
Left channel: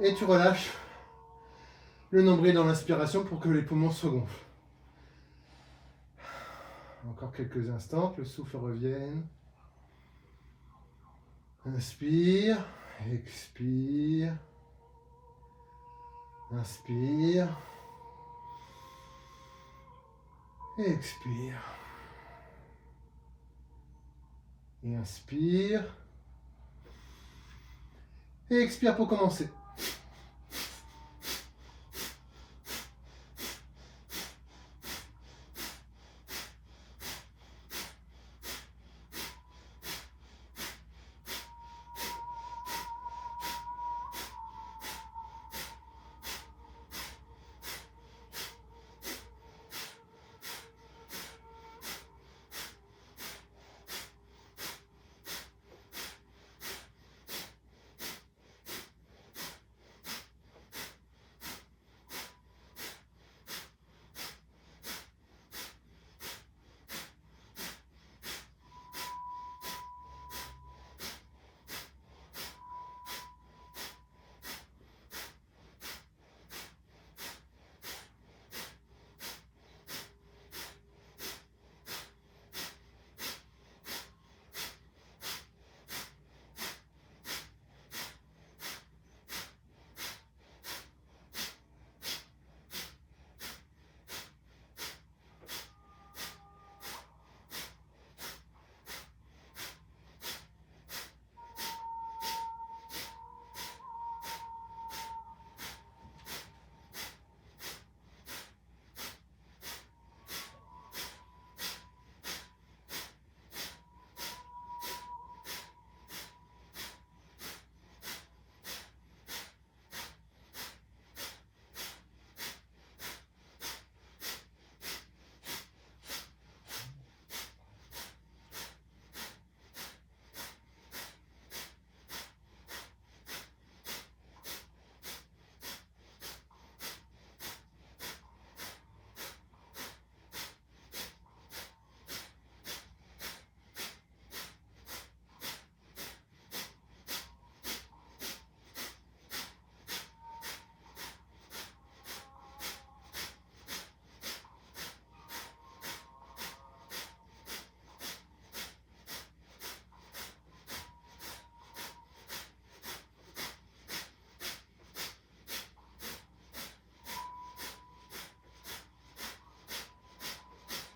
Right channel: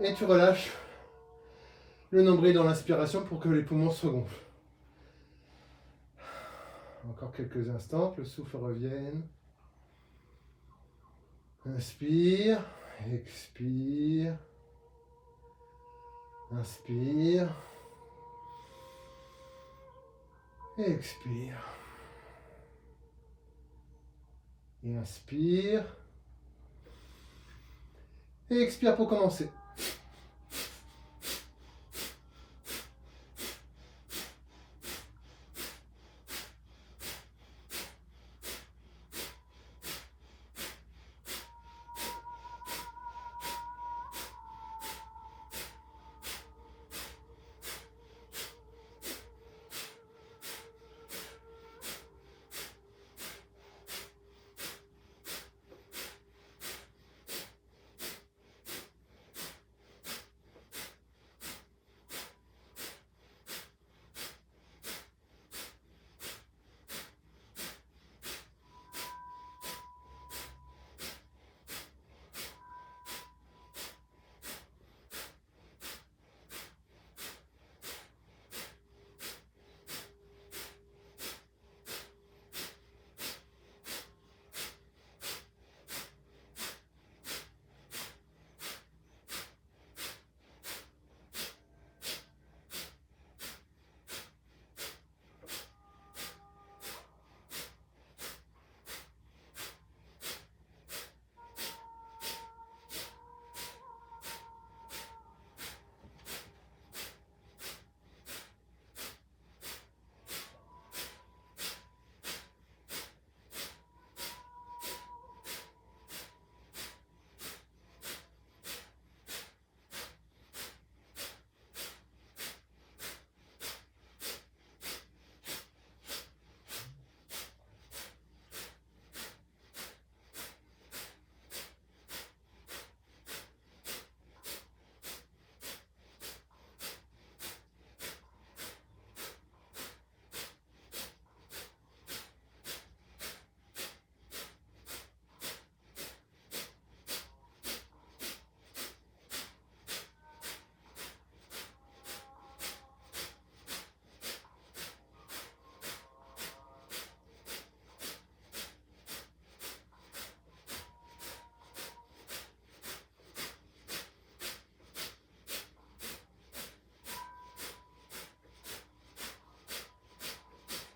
et tu relâches le nombril dans l'inspiration pour que les poumons se gonflent. Encore quelques instants, que le souffle revienne. Inspire, expire, inspire, expire, et inspire, et expire pour commencer.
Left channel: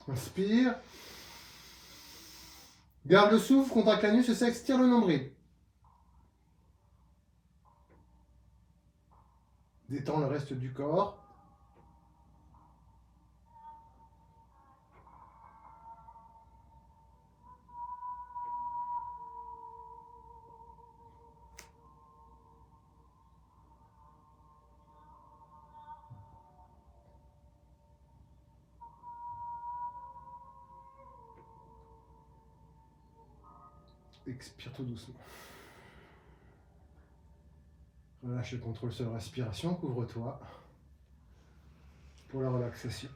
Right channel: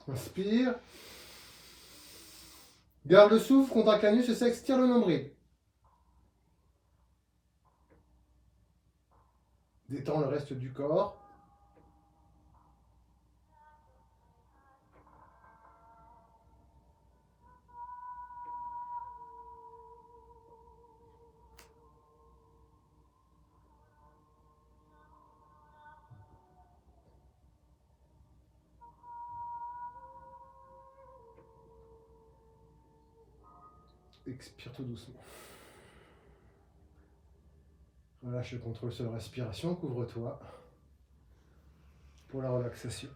Inspire. Garde le souffle, contracte l'anus et s'extire le nombril. Détends le reste du corps. Expire tout doucement. Relâche le contrôle sur la respiration, couvre-toi pour la relaxation.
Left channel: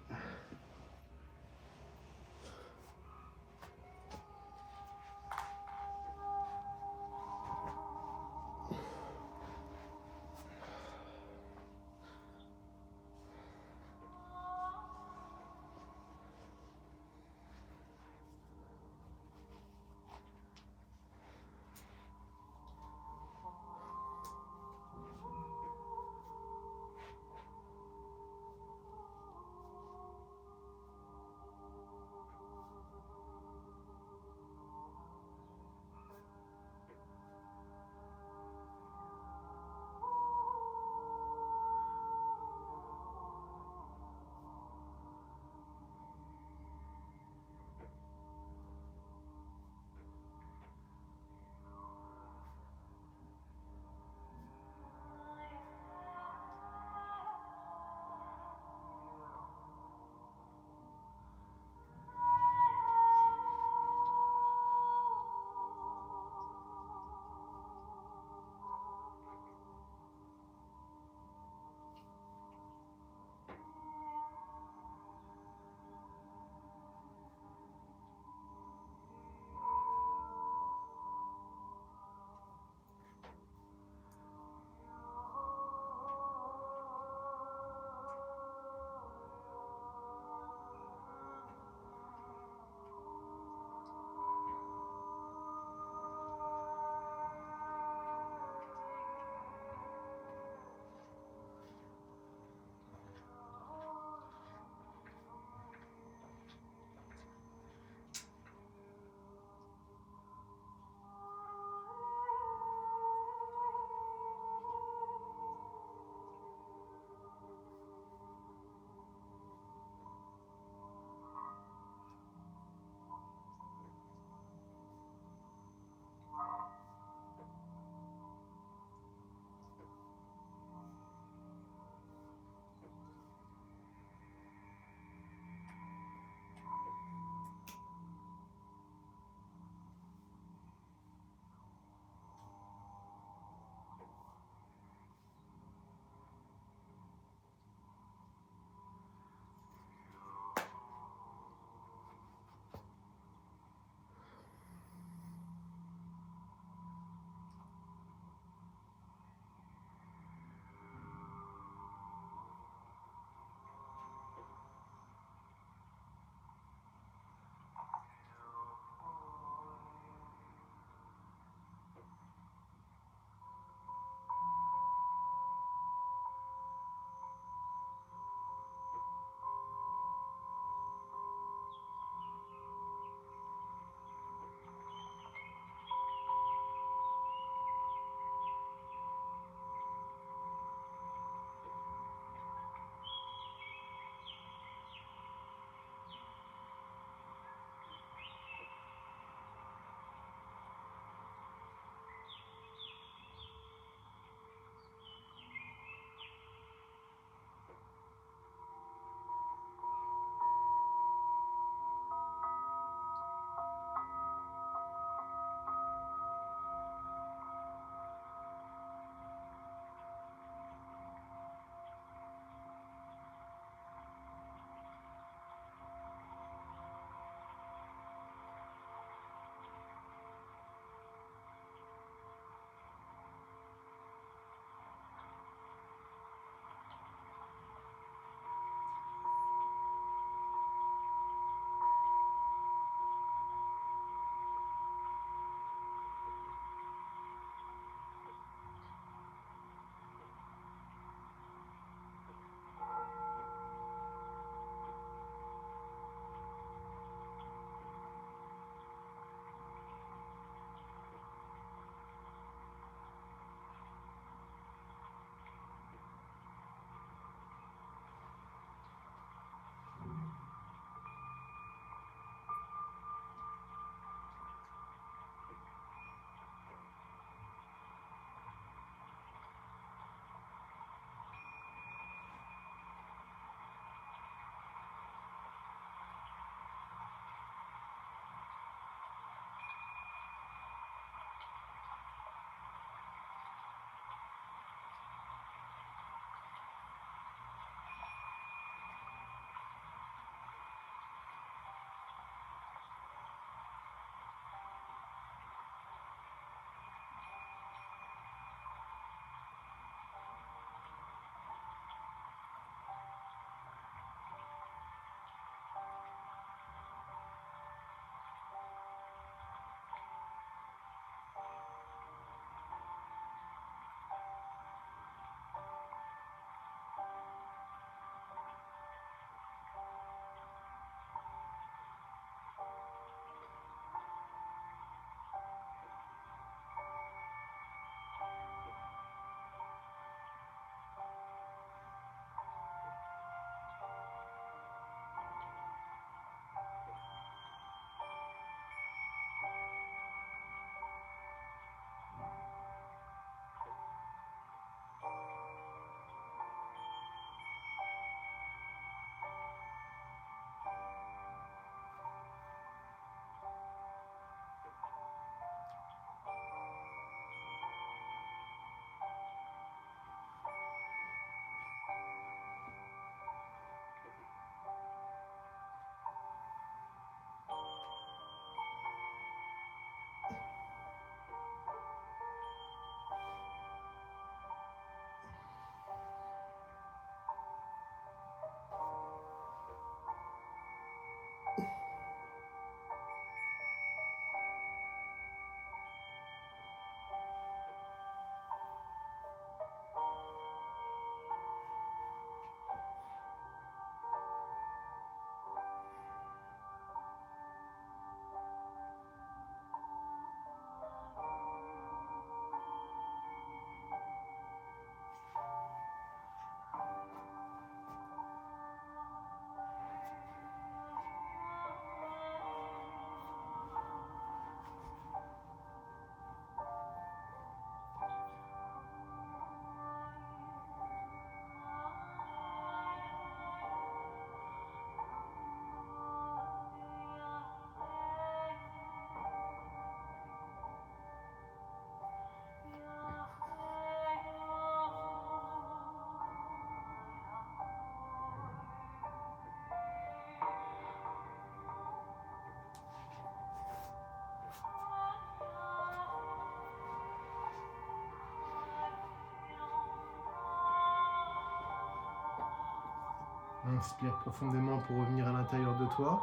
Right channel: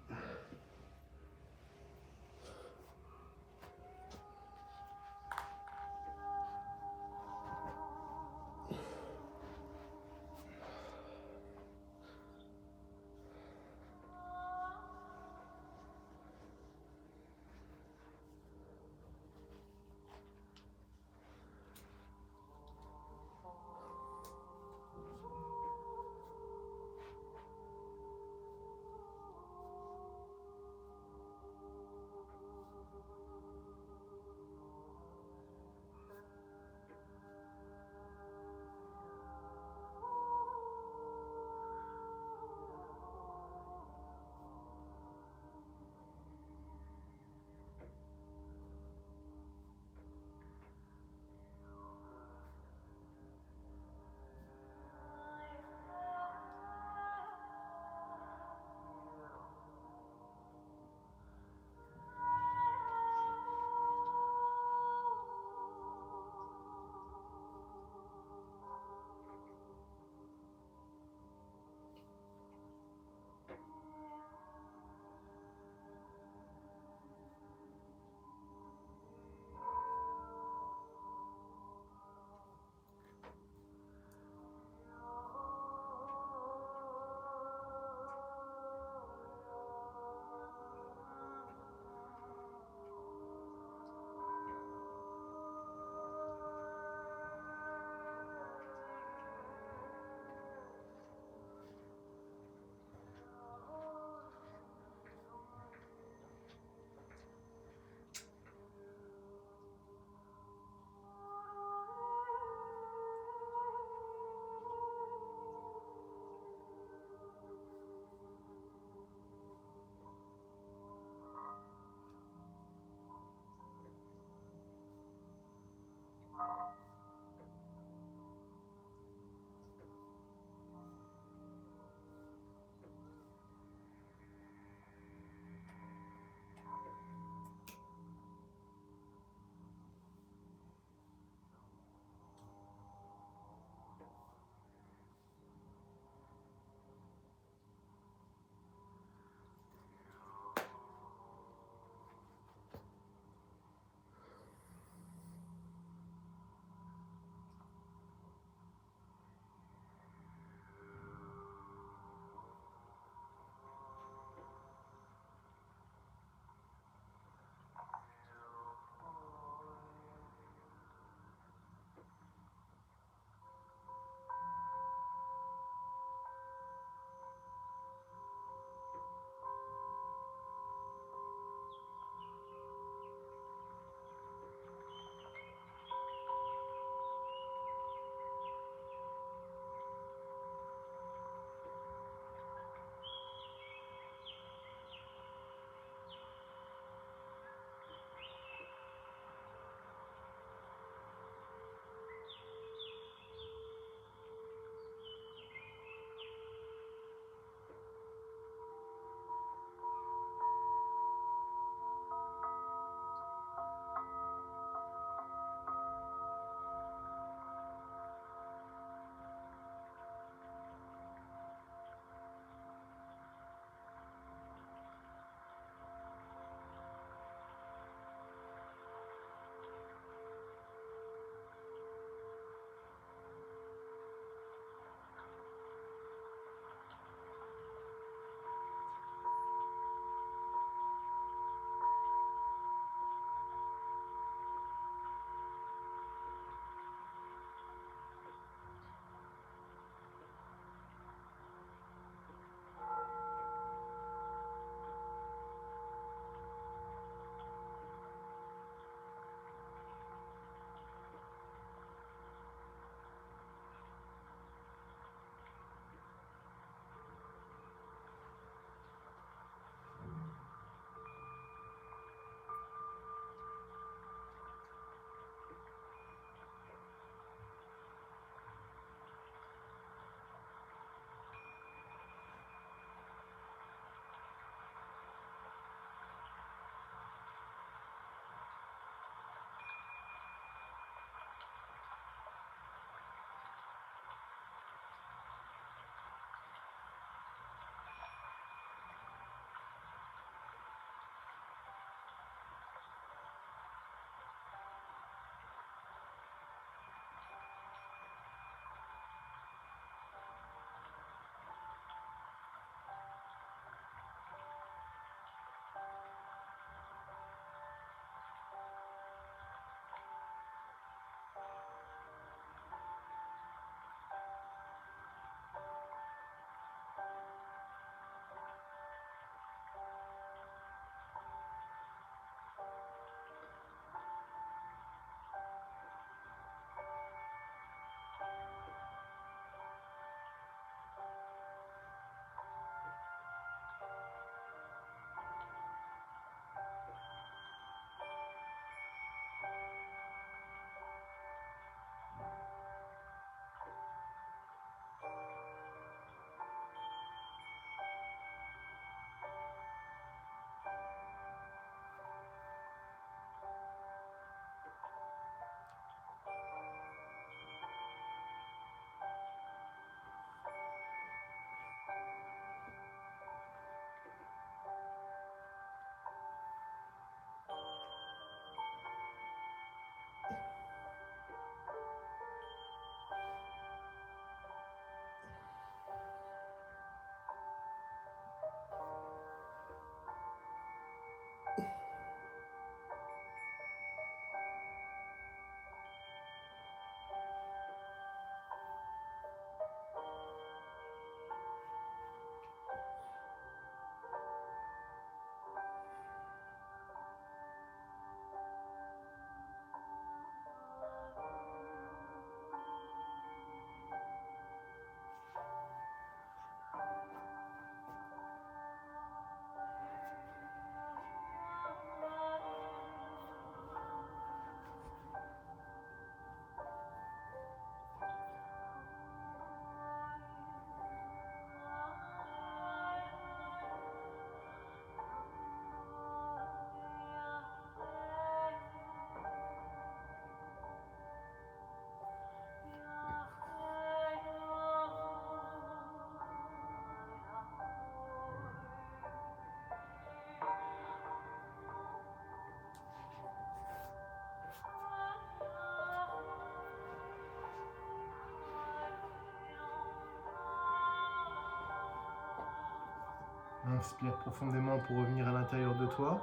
Inspire profondément pour revenir à l'intérieur de toi.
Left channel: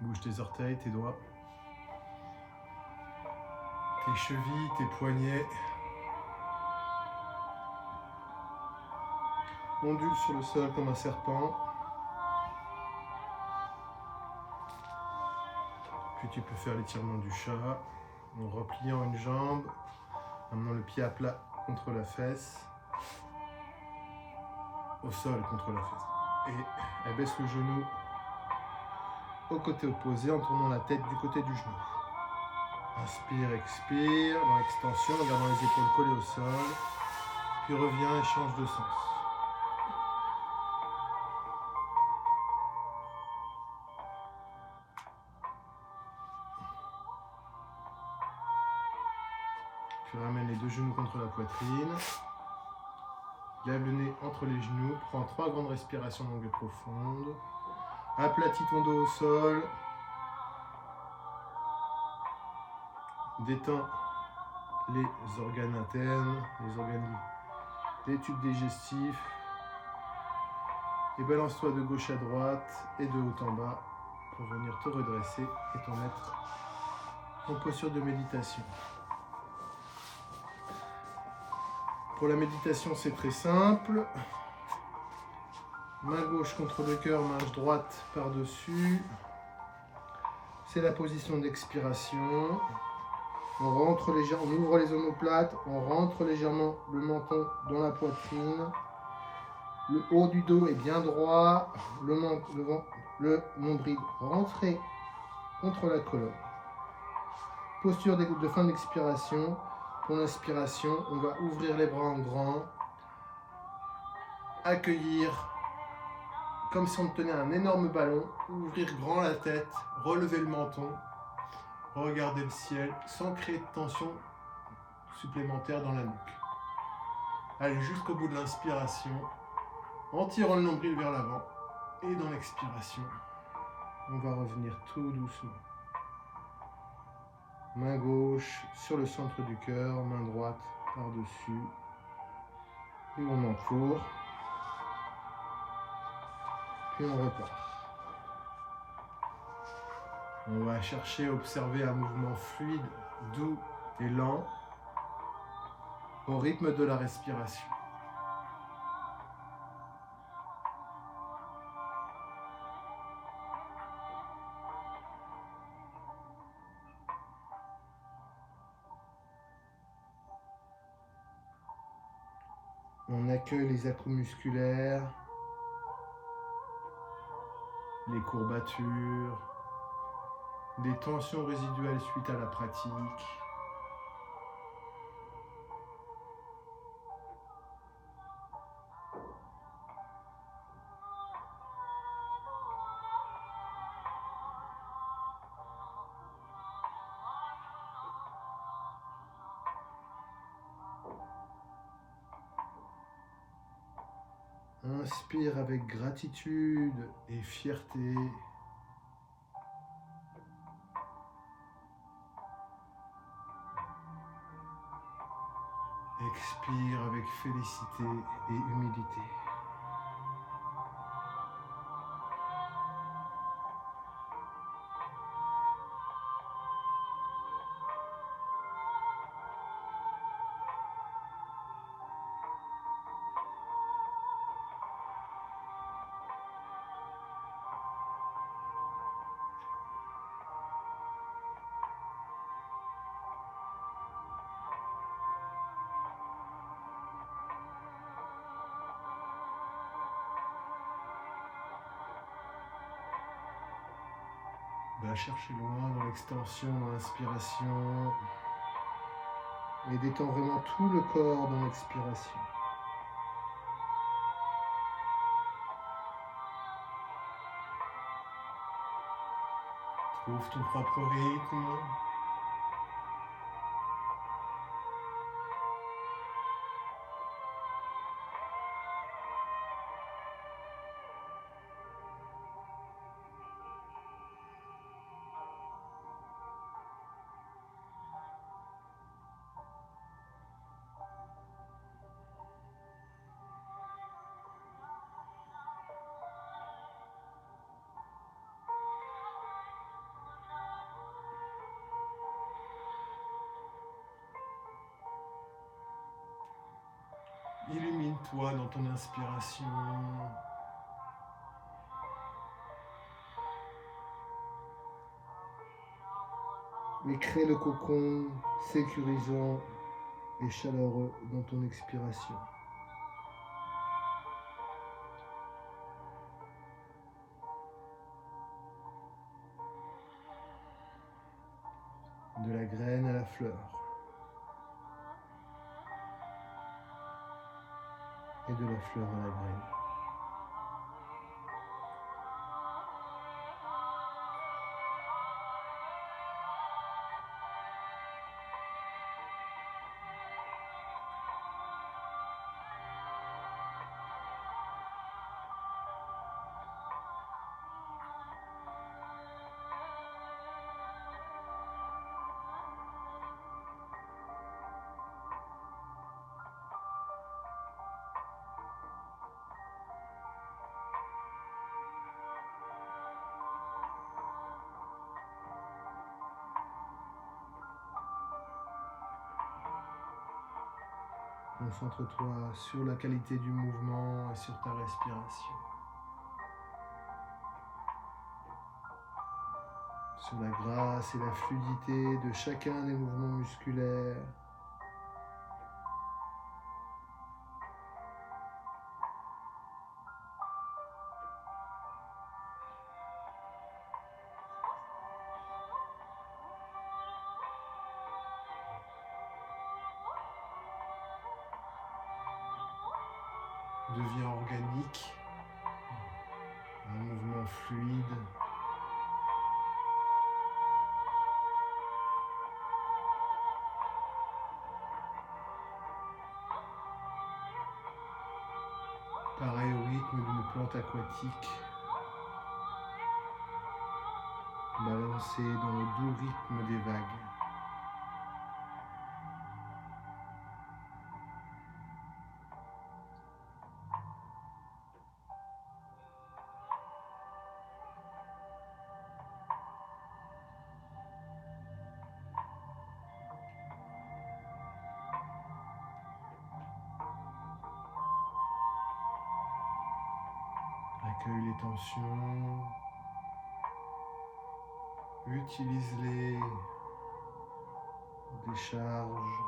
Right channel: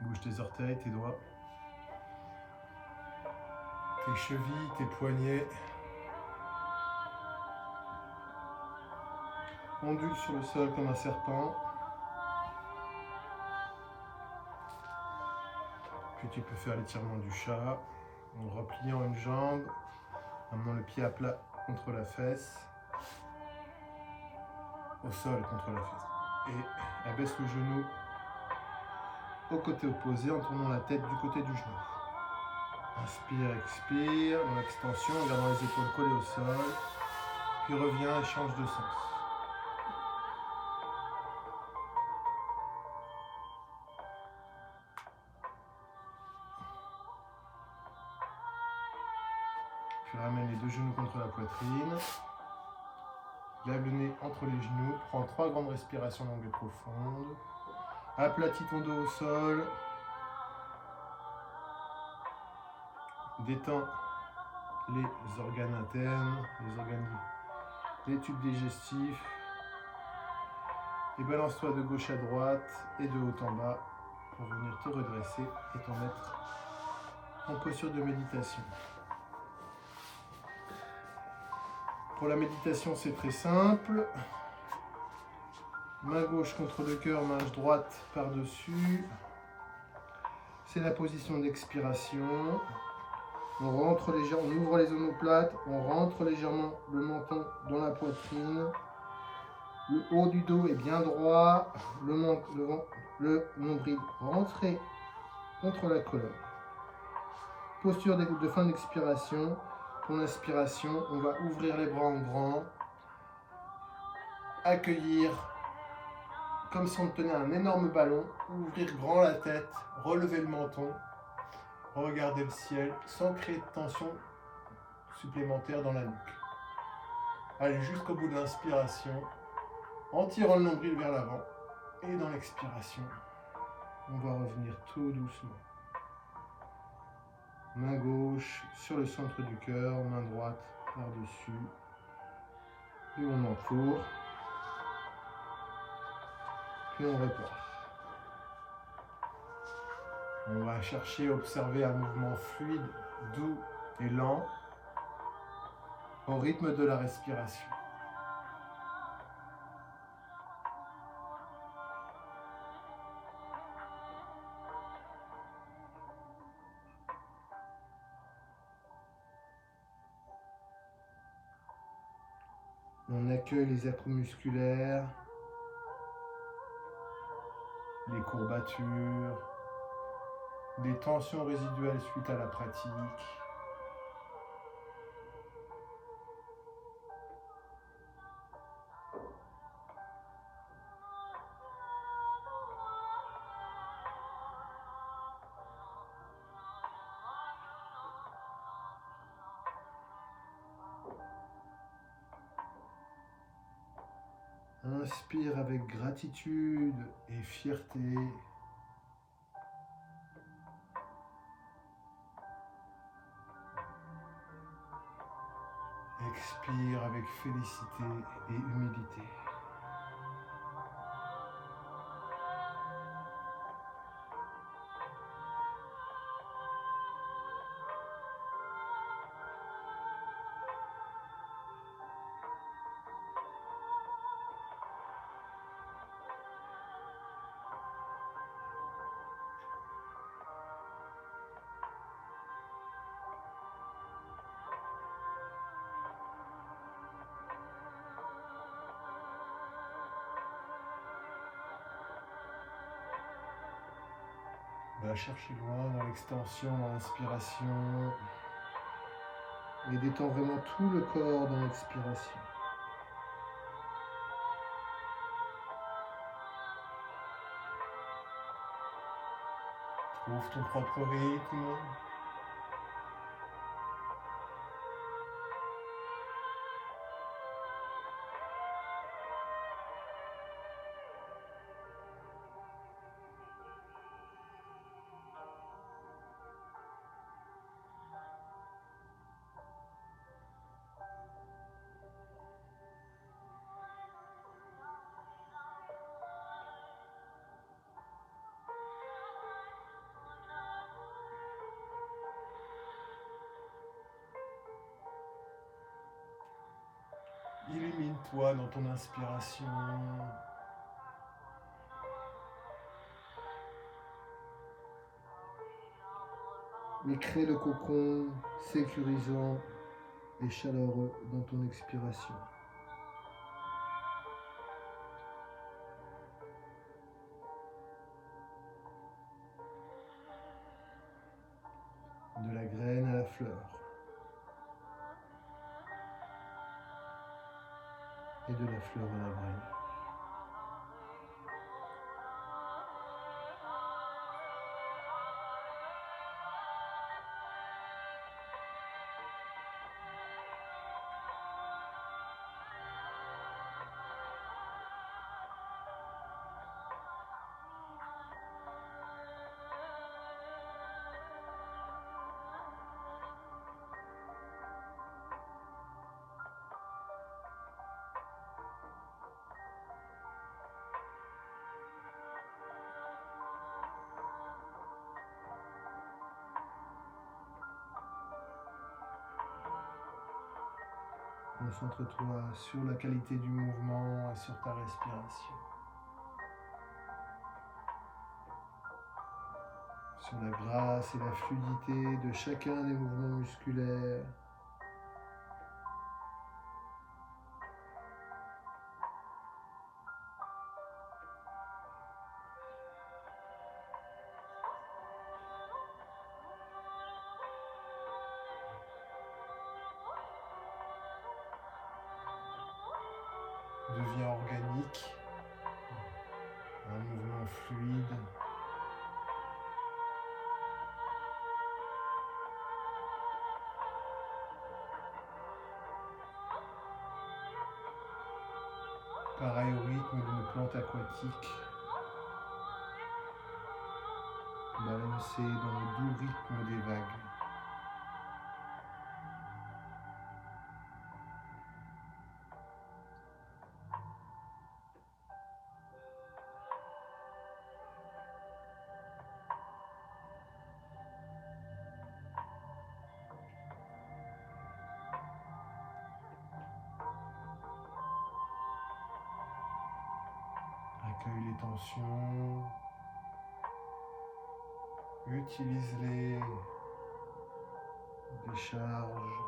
Bouge tes orteils, tes doigts, tes chevilles, tes poignets. Ondule sur le sol comme un serpent. Puis tu peux faire l'étirement du chat en repliant une jambe, amenant le pied à plat contre la fesse, au sol contre la fesse. Et abaisse le genou au côté opposé en tournant la tête du côté du genou. Inspire, expire, dans l'extension, en gardant les épaules collées au sol. Puis reviens et change de sens. Puis ramène les deux genoux contre la poitrine. Garde le nez entre les genoux. Prends 3 grandes respirations longues et profondes. Aplatis ton dos au sol. Détends les organes internes, les organes des tubes digestifs. Et balance-toi de gauche à droite et de haut en bas pour venir te redresser et t'en mettre en posture de méditation. Pour la méditation, c'est très simple. Main gauche contre le cœur, main droite par-dessus. C'est la position d'expiration. On rentre légèrement, on ouvre les omoplates, on rentre légèrement le menton dans la poitrine. Le haut du dos est bien droit, le nombril rentré contre la colonne. Posture de fin d'expiration. Pour l'inspiration, on va ouvrir les bras en grand, accueillir comme si on tenait un énorme ballon, ouvrir grand la tête, relever le menton, regarder le ciel sans créer de tension supplémentaire dans la nuque. Allez jusqu'au bout de l'inspiration, en tirant le nombril vers l'avant, et dans l'expiration, on va revenir tout doucement. Main gauche sur le centre du cœur, main droite par-dessus. Puis on encourt. Puis on repart. On va chercher à observer un mouvement fluide, doux et lent au rythme de la respiration. On accueille les atouts musculaires, les courbatures, des tensions résiduelles suite à la pratique. Inspire avec gratitude et fierté. Expire avec félicité et humilité. Va chercher loin dans l'extension, dans l'inspiration. Et détends vraiment tout le corps dans l'expiration. Trouve ton propre rythme. Illumine-toi dans ton inspiration. Et crée le cocon sécurisant et chaleureux dans ton expiration. De la graine à la fleur. Et de la fleur à la graine. Concentre-toi sur la qualité du mouvement et sur ta respiration. Sur la grâce et la fluidité de chacun des mouvements musculaires. Devient organique, un mouvement fluide. Pareil au rythme d'une plante aquatique, balancée dans le doux rythme des vagues. Accueille les tensions, utilise-les, décharge.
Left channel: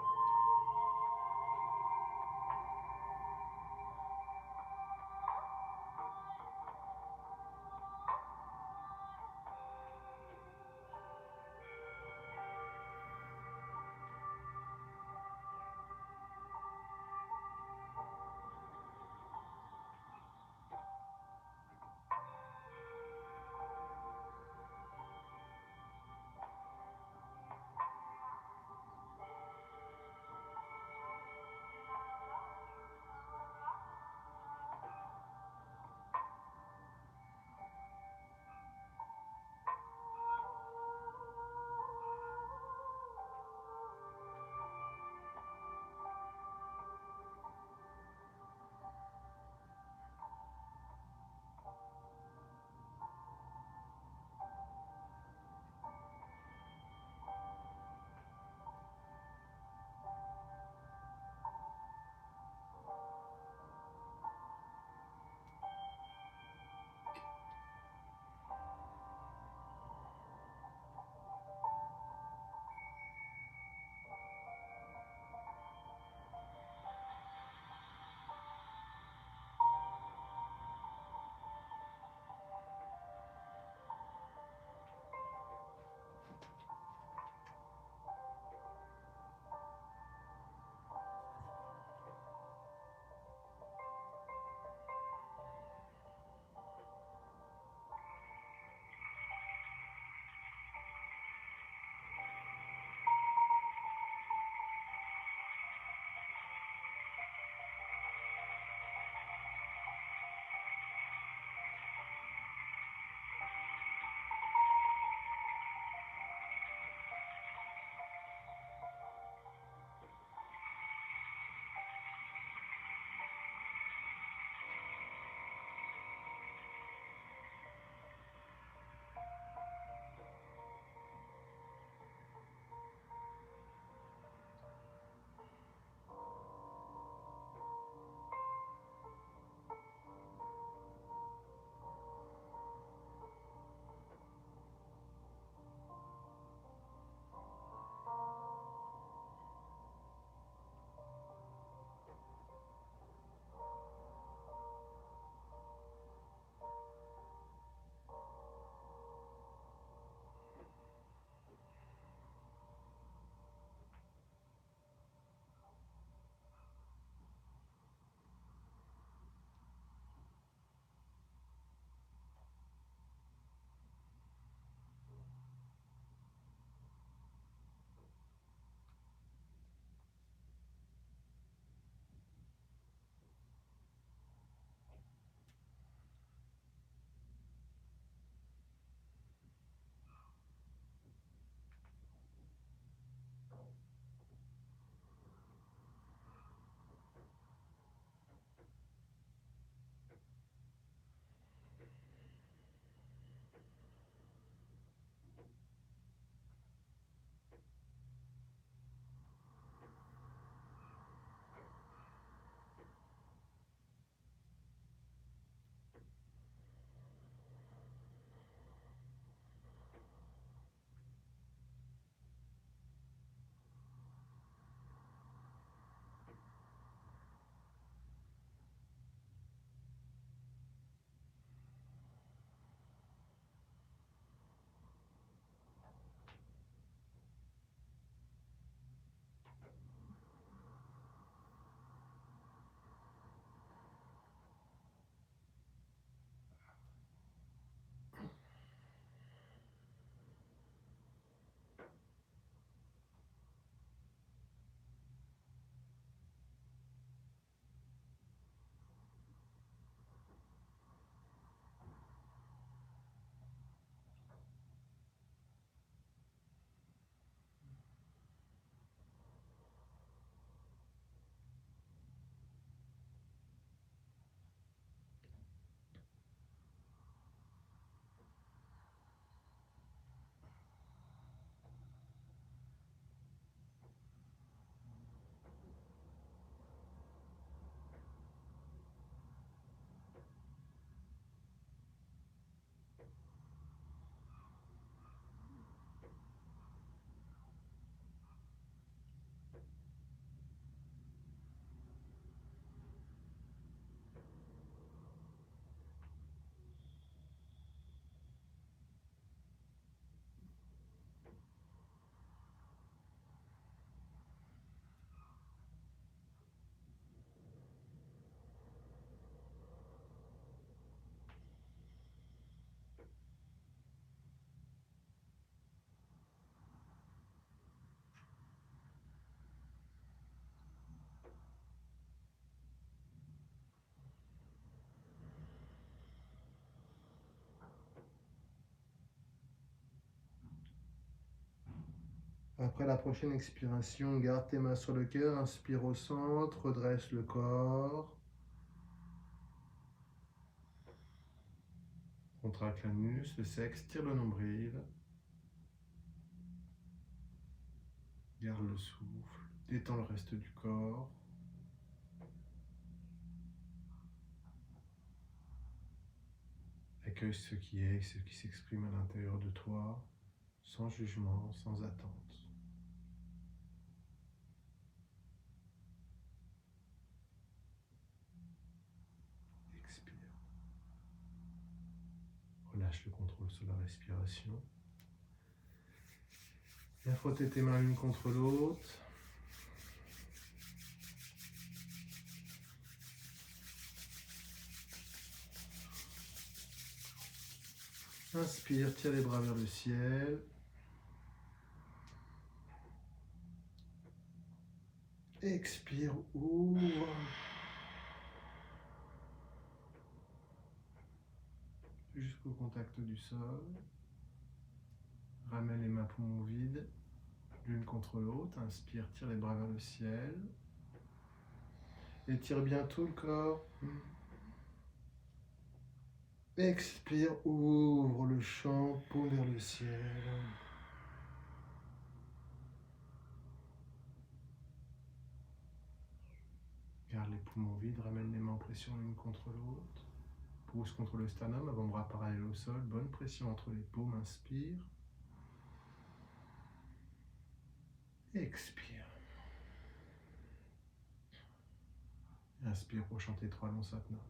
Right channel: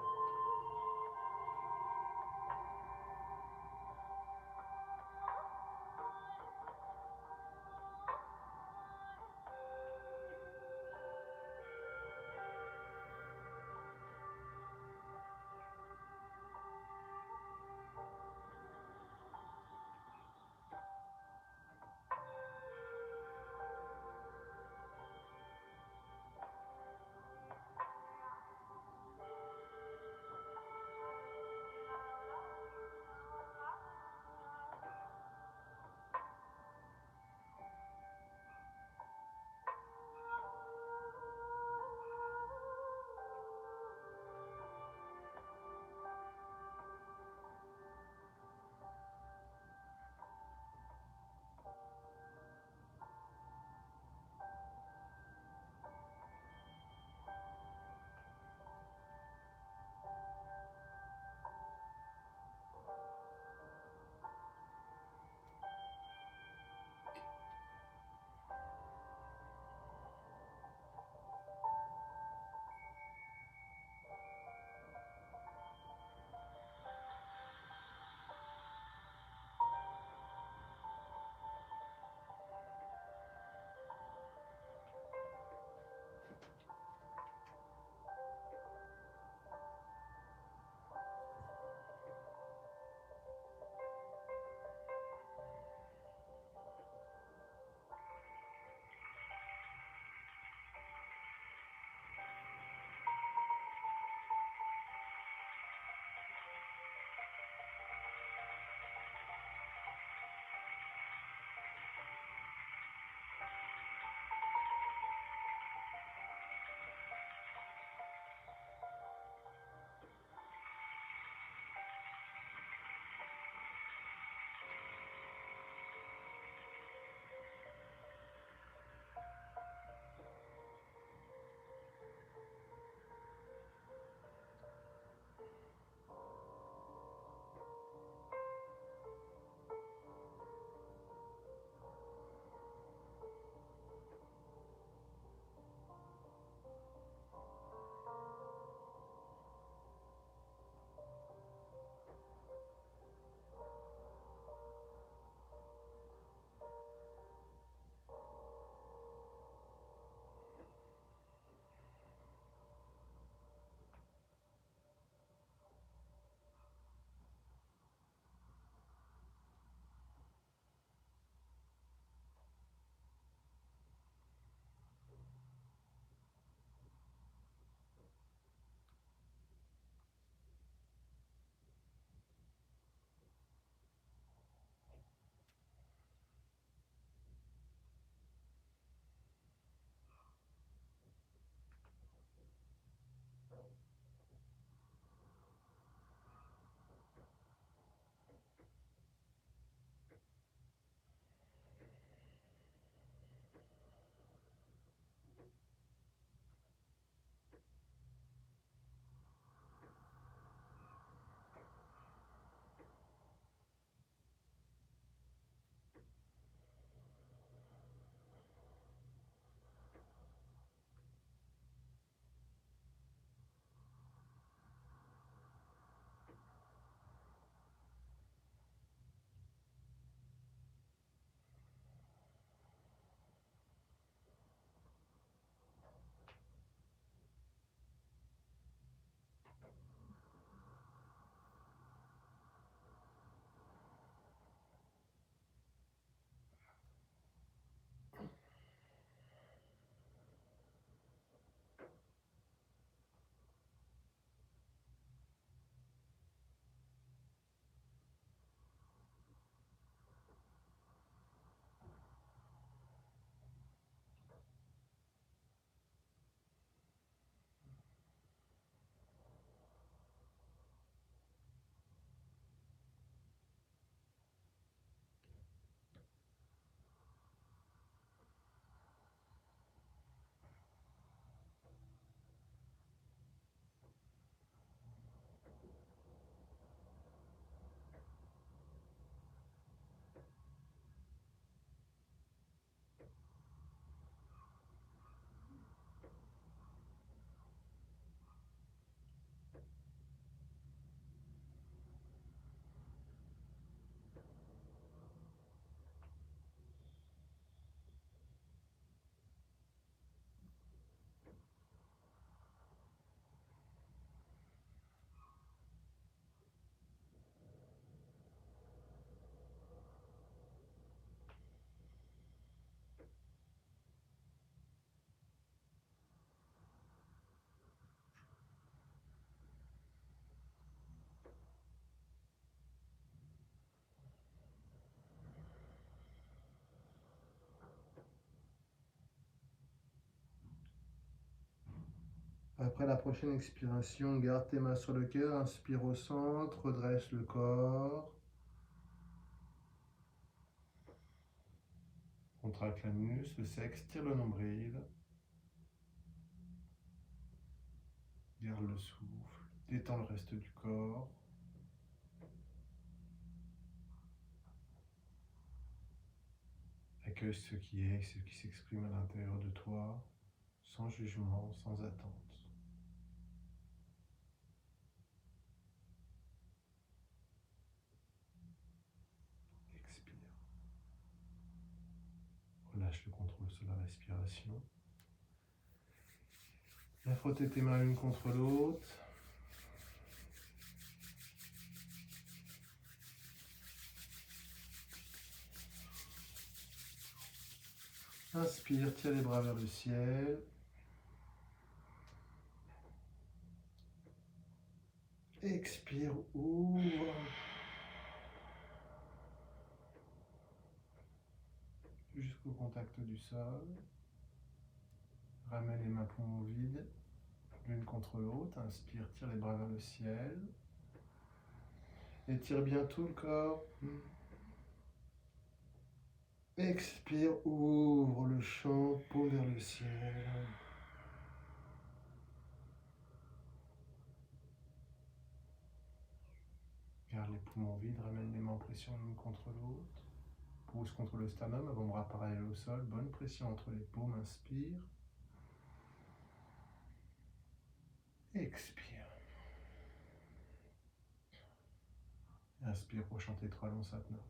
Après la prochaine expiration, garde tes mains sur le cœur, inspire au centre, redresse le corps. Contracte l'anus, le sexe, tire le nombril. Garde le souffle, détends le reste du corps. Accueille ce qui est, ce qui s'exprime à l'intérieur de toi, sans jugement, sans attente. Expire. Relâche le contrôle sur la respiration. Viens frotter tes mains l'une contre l'autre. Inspire, tire les bras vers le ciel. Expire, ouvre. Jusqu'au contact du sol. Ramène les mains poumons vides, l'une contre l'autre. Inspire, tire les bras vers le ciel. Étire bien tout le corps. Expire, ouvre le champ, paume vers le ciel. Garde les poumons vides, ramène les mains en pression l'une contre l'autre. Pousse contre le sternum, avant-bras parallèle au sol. Bonne pression entre les paumes, inspire. Expire. Inspire pour chanter 3 longs satnam.